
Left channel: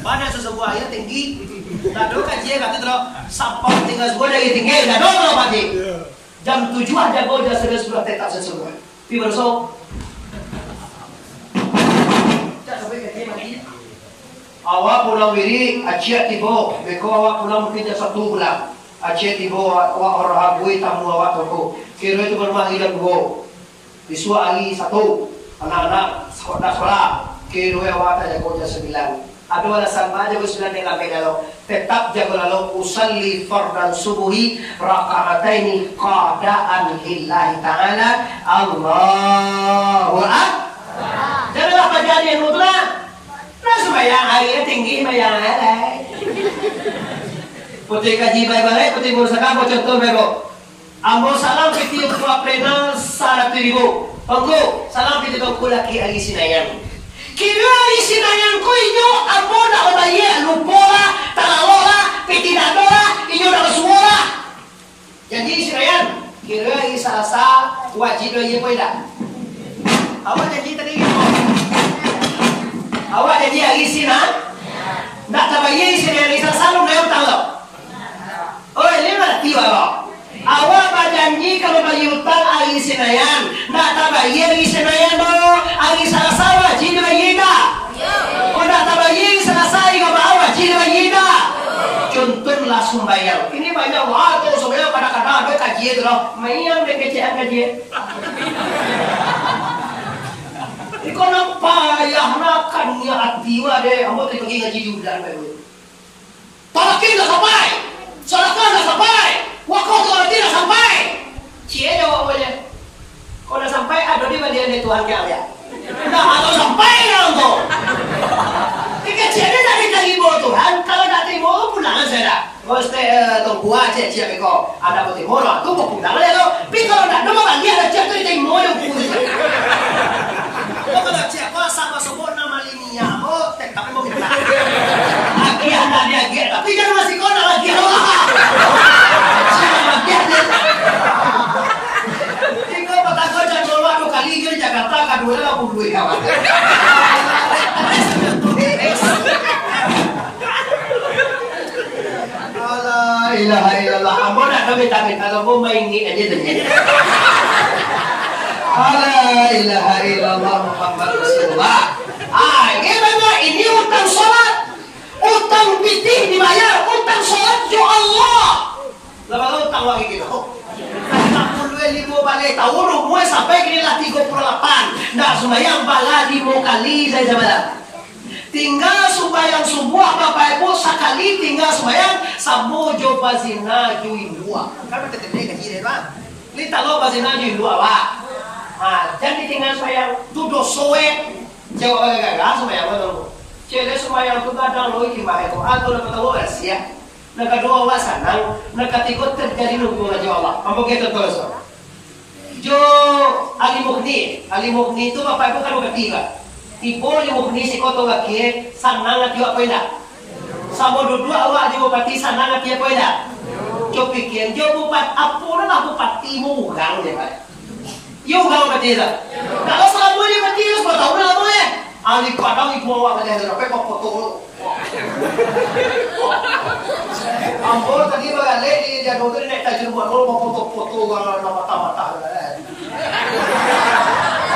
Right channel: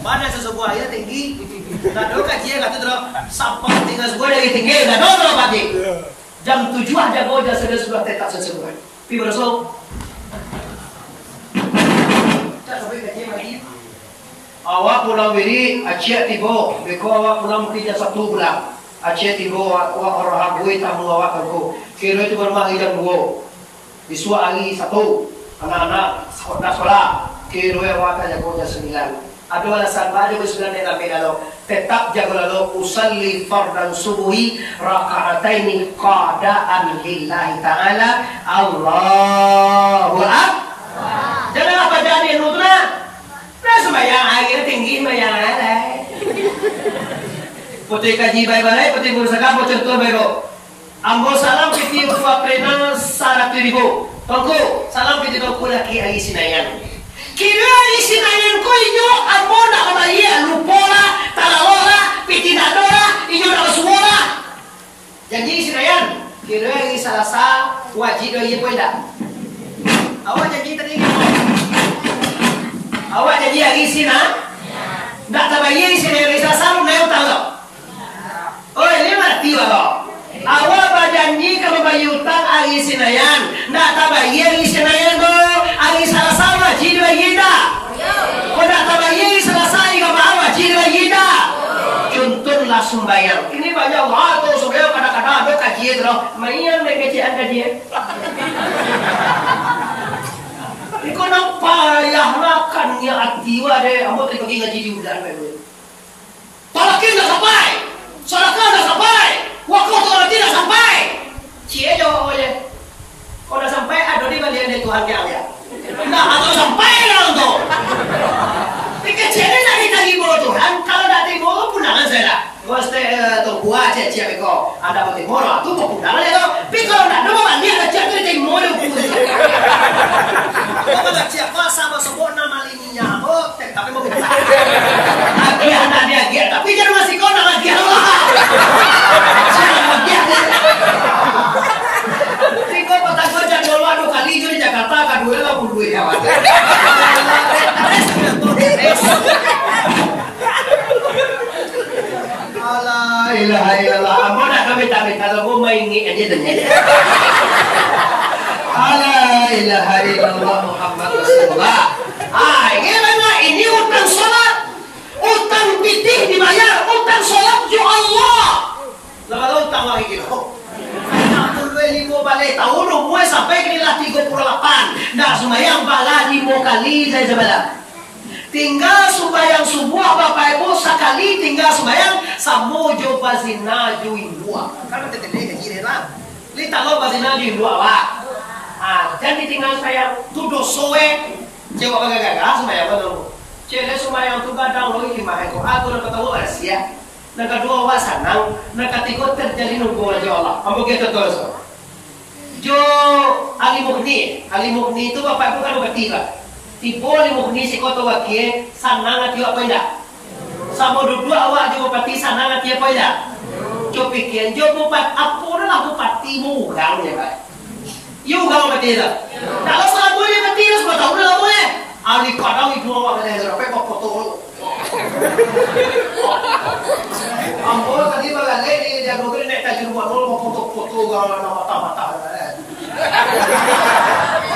Mana sesebuah ya tinggi, nak dorong kajian kata terus sapon tinggal sebuah dari tinggi, dah dorong pagi. Jam 7 ada go dah sudah tetap sesebuah. Pi bersau. Awak pulang diri, aceh tibo. Beko awak pulang mungkin satu bulan. Aceh tibo awak orang habui tamu awak aku. Kira itu bermah hilang go. Disua ali satu. Anak-anak sekolah. Kira awak tak jago jam 9. Ada alasan pada jam 9 dalam bedalo. Tetap jago lalu usalli fardan subuhi raka'ataini qadaan lillahi ta'ala. Allahu akbar. Jangan apa jadi yang utama. Nah sembahyang hari tinggi sembahyang hari. Putih kaji baik-baik, putih berusaha contoh baik. Ambo salam piti ketua pleno 100.000. Pangku salam piti kau laki hari sinayan. Kira hari sinayan ko inyo ambo nak mabayar lupola, talalola, piti dadola, inyo nak suola. Janji sinayan. Kira hari Selasa wajib doa apa tidak? Awak janji tadi apa? Awak janji hari Sina? Tak terbayar di sini hari Selasa lu nak tahu tak? Oh ini berarti awak. Awak berjanji kalau bayar utang hari Senayan, tak terbayar hari Senayan tu hari Selasa wajib bayar dah. Kau tak terbayar Selasa kalau awak wajib bayar dah. Contohlah sembahyang. Ini banyak waktu sembahyang kadang-kadang ada kajian tu. Mayang dengan kajian. Ikaw nang payahnakan niya at diwa de amo tayo ngaji di udan bae. Talakin na sampai. Salakan na sampai. Wako to arti na sampai. Cie jawa oleh. Kau na sampai ado di balian de Tuhan kaya ya. Na atau sampai lang to. Tika cie na dari Tuhan kalau dak terima punangan saya. Goste to buat cie beko. Ada bote moro tu po punangan le to. Pi kalau dak no balian da cie to di moro punangan. Kalau cia kuasa masuk nama lininya, tapi mau minta. Agian ada agian, tapi jangan masih kau nak agian lah. Tinggal patah kau jangan waduh kali di Jakarta kadua lah pun duit kawan. Res sudah tu res. Allah ilaha illallah. Ambo nak kami kalau mau main ni aja tu ni. La ilaha illallah Muhammad Rasulullah. Ini utang sholat, utang pitih dibayar, utang sholat ya Allah. tangwa gitu. 65 balik tahun umur sampai kira 38. Nah sembahyang bala 5 kali saya coba. Tinggal sembahyang subuh Bapak Ibu sekali tinggal sembahyang samojo bazina juin dua. Kan betul gaji deh bang. Lita lo bazina juin dua pak. Ah jadi tinggal sembahyang tudo soe. Jawab agak-agak sembahyang apa dong? Cile sembahyang tu kadang lo iki mah eko. Aku dapat tahu rahasia. Nah kedua wasanang, nah ketiga terjadi hubungan dengan Allah. Ambo kita terus. Jo Ali Mughni itu Bapak Ibu kan bertiga. Ibu Ali Mughni si kota wakie sanang ati apa indah. Sama dua awak jo bupati sanang ati apa indah. Jo pikir jo bupati apa lah bupati mau ugang ya Pak. Yo ugang bupati lah. Kalau salah boleh bupati lu sebab tahu lah boleh. Ali kadang ibu awak ada apa kok foto lu. Ambo tadi balik di dia dokter naik tajir buat lo foto-foto orang nama mata-mata.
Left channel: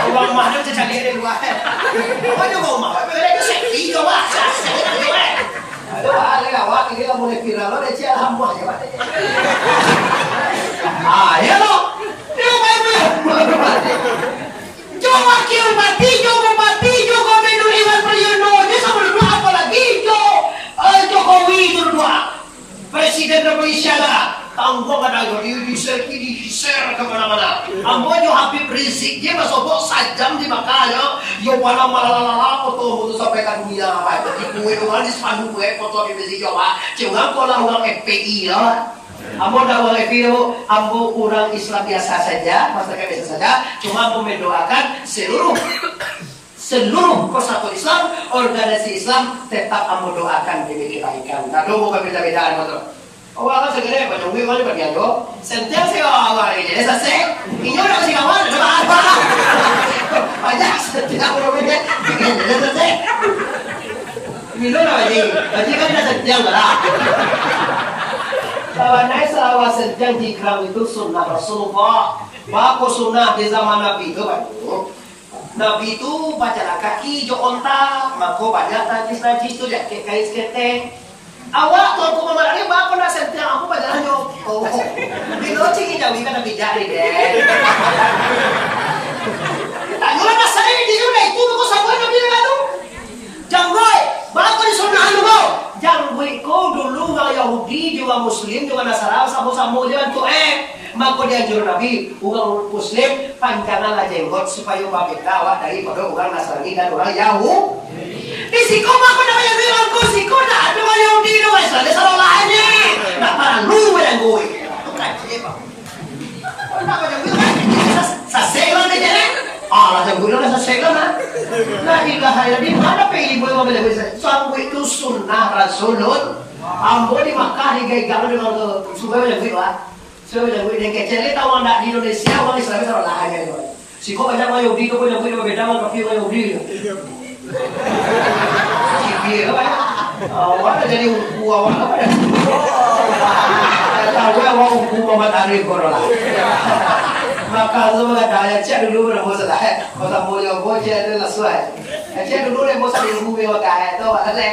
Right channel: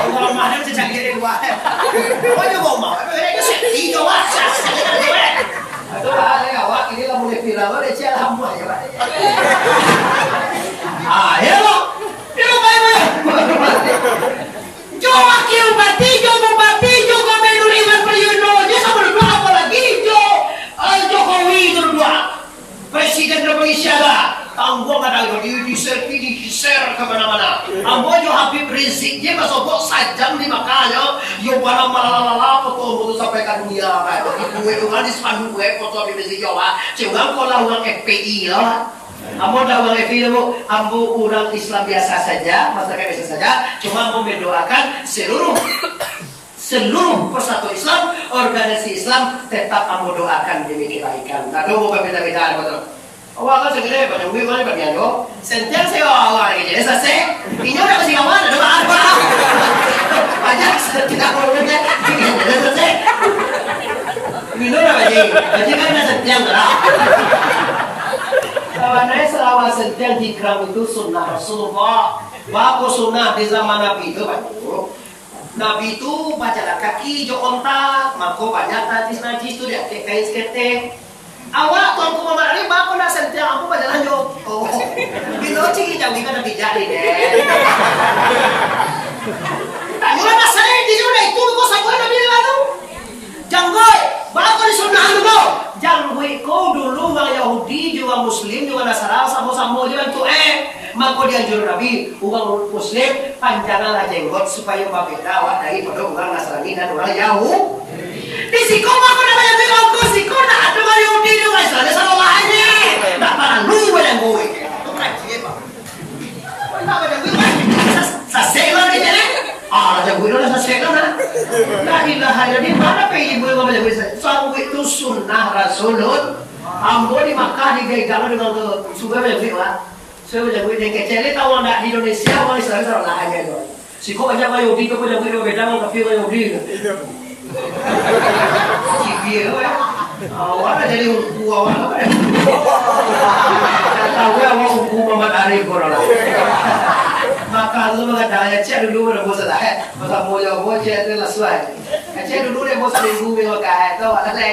Orang mahal je cari dia dua. Apa juga mau? Apa dia safety je wah. Itu ada awak ini lah boleh viral lo dia cial hamba ya. Ah ya lo. Dia baik. Jo wakil bupati, jo gubernur Iwan Priyono, dia sama dua apa lagi jo Jokowi itu dua. Presiden Republik Indonesia tanggung ada di share kemana-mana. Ambo jo Habib Rizik dia masuk bos sajam di makanya yo pada malalala foto foto sampaikan dunia apa itu orang di spanduk foto Habib Rizik yo ah jangan kalau orang FPI lah. Ambo dah orang FPI itu ambo orang Islam biasa saja masyarakat biasa saja cuma ambo mendoakan seluruh persatuan Islam, organisasi Islam tetap ambo doakan demi kebaikan. Tak mau berbeda-bedaan betul. Awak kan segera banyak gue mana bagian yo. Sentiang saya awak ini jadi selesai. Ini udah masih kawan ada apa? Banyak tidak bolehnya. Jadi selesai. Minum apa jadi kan ada sentiang lah. Kawannya selawat sentiang di kram itu sunnah Rasulullah. Bapak sunnah di zaman Nabi itu banyak. Nabi itu bacalah kaki jo onta, mako banyak najis itu dia kain skete. Awak tuanku mama ini bako nak sentiang aku bacalah jo. Oh, bilo ciki jauh kan Nabi jadi deh. Tanyulah nasai di sana itu kau sabar Nabi lalu. Janggoi, bako di sana dulu. Janggoi kau dulu orang Yahudi juga Muslim juga Nasara sama-sama juga tu maka dia anjur Nabi, orang Muslim panjanglah jenggot supaya membeda awak daripada orang Nasrani dan orang Yahudi. Di siko maka namanya bengokku, siko nak ada orang Yahudi dan orang Islam, salah lainnya. Tak perlu macam gue. Itu kaji apa? Kau tak macam gue kan? Saseklah ni jadi. Ah, macam gue lah saseklah lah. La ilaha illallah di mana pilih gue macam gue? Sanggup itu sunnah Rasulun. Ambo di Makkah di gaya dengan sungai macam gue lah. Saya macam gue kecil tahu nak di Indonesia orang Islam salah lainnya itu. Si kau banyak orang Yahudi kau macam gue beda dengan kafir orang Yahudi. Cipir apa? Awak jadi ungu awak apa dah? Tahu ya awak ungu Muhammad Arif korang. Maka semua dah cek dulu dah bos dah. Masa mau jauh bos cek dulu lasuai. Cek dulu dah bos minggu minggu kah? Tahu ada.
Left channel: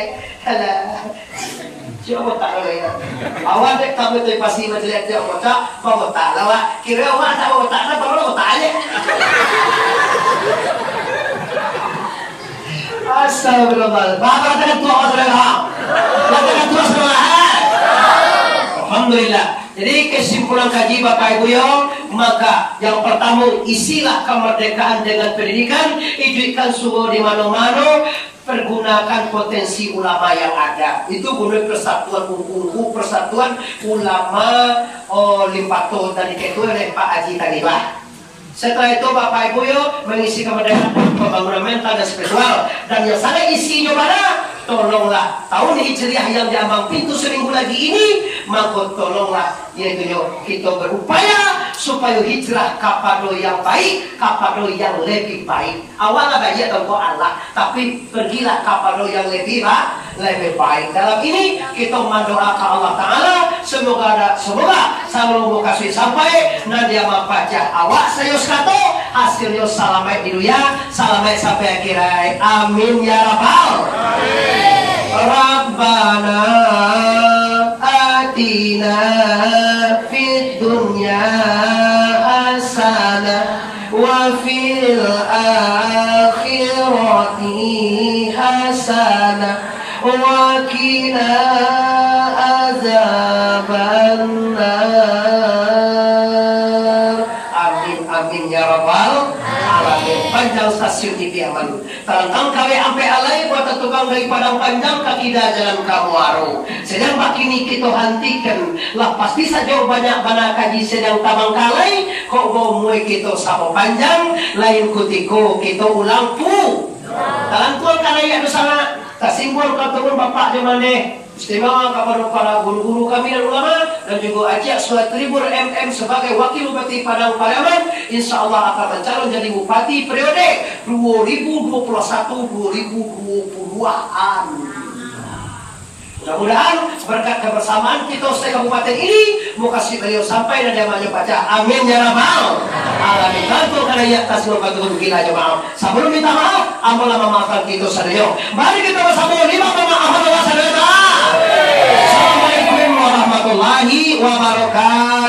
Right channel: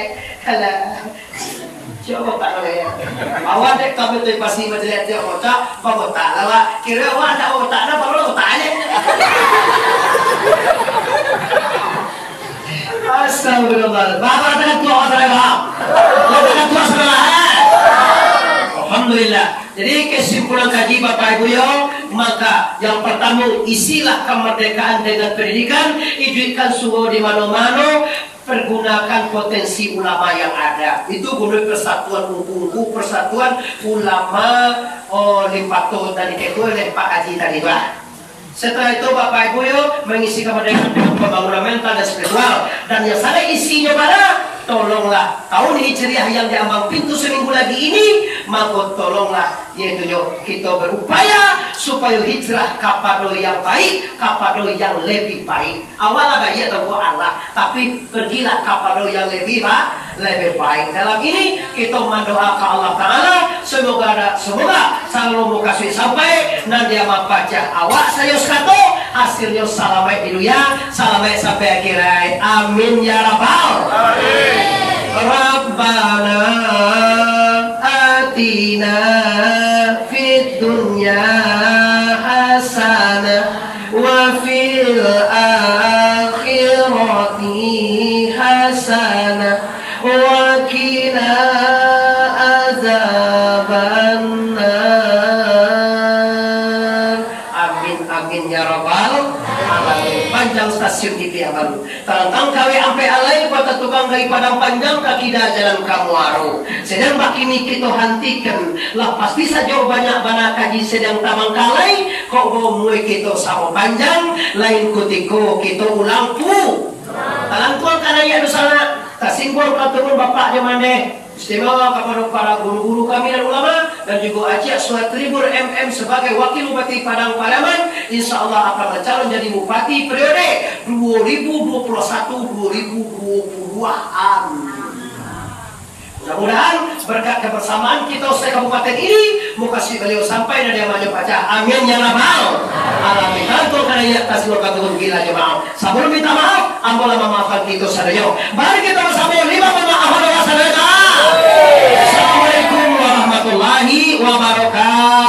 Coba tak boleh ya. Awak dek kami tu pasti berjelas dia otak, bawa tak lah. Kira awak tak otak dah, baru otak aja. Astagfirullah. Bapak katakan tua orang katakan tua sekolah. Alhamdulillah. Jadi kesimpulan kaji Bapak Ibu yo, maka yang pertama isilah kemerdekaan dengan pendidikan, hidupkan suhu di mana-mana. Pergunakan potensi ulama yang ada. Itu guna persatuan unggu persatuan ulama Limpato tadi itu oleh Pak Haji tadi Pak. Setelah itu Bapak Ibu yo mengisi kemerdekaan dengan pembangunan mental dan spiritual dan yang sana isinya pada tolonglah tahun hijriah yang diambang pintu seminggu lagi ini, maka tolonglah yaitu kita berupaya supaya hijrah kepada yang baik, kepada yang lebih baik. Awalnya baik atau Allah, tapi pergilah kepada yang lebih baik. Dalam ini kita mendoakan Allah Taala semoga selalu kasih sampai nanti membaca awak saya skato hasilnya selamat di dunia, selamat sampai akhirat. Amin ya rabbal alamin. Rabbana atina fid hasanah wa qina azabannar. Amin amin ya rabbal alamin. Panjang stasiun TV aman. Terantang kawe ampe alai buat tukang dari padang panjang kaki dah jalan kamuaru. Sedang makini kita hentikan. Lah pasti saja banyak banyak kaji sedang tabang kalai. Kok bomoy kita sama panjang. Lain kutiko kita ulang pu. Talantuan kanaya anu sana. Tasingguan ketemu bapak jamane. Istimewa kepada para guru-guru kami dan ulama dan juga Haji Aswad Tribur MM sebagai Wakil Bupati Padang Pariaman, insya Allah akan mencalon jadi Bupati periode 2021-2022. Mudah-mudahan berkat kebersamaan kita se-kabupaten ini mau kasih beliau sampai dan yang maju baca. Amin ya rabbal alamin. Bantu karena ya tasbih bantu gila jemaah. Sebelum minta maaf, ampun memaafkan kita sadaya. Mari kita bersama lima pemaafan wa sadaya. Assalamualaikum warahmatullahi wabarakatuh.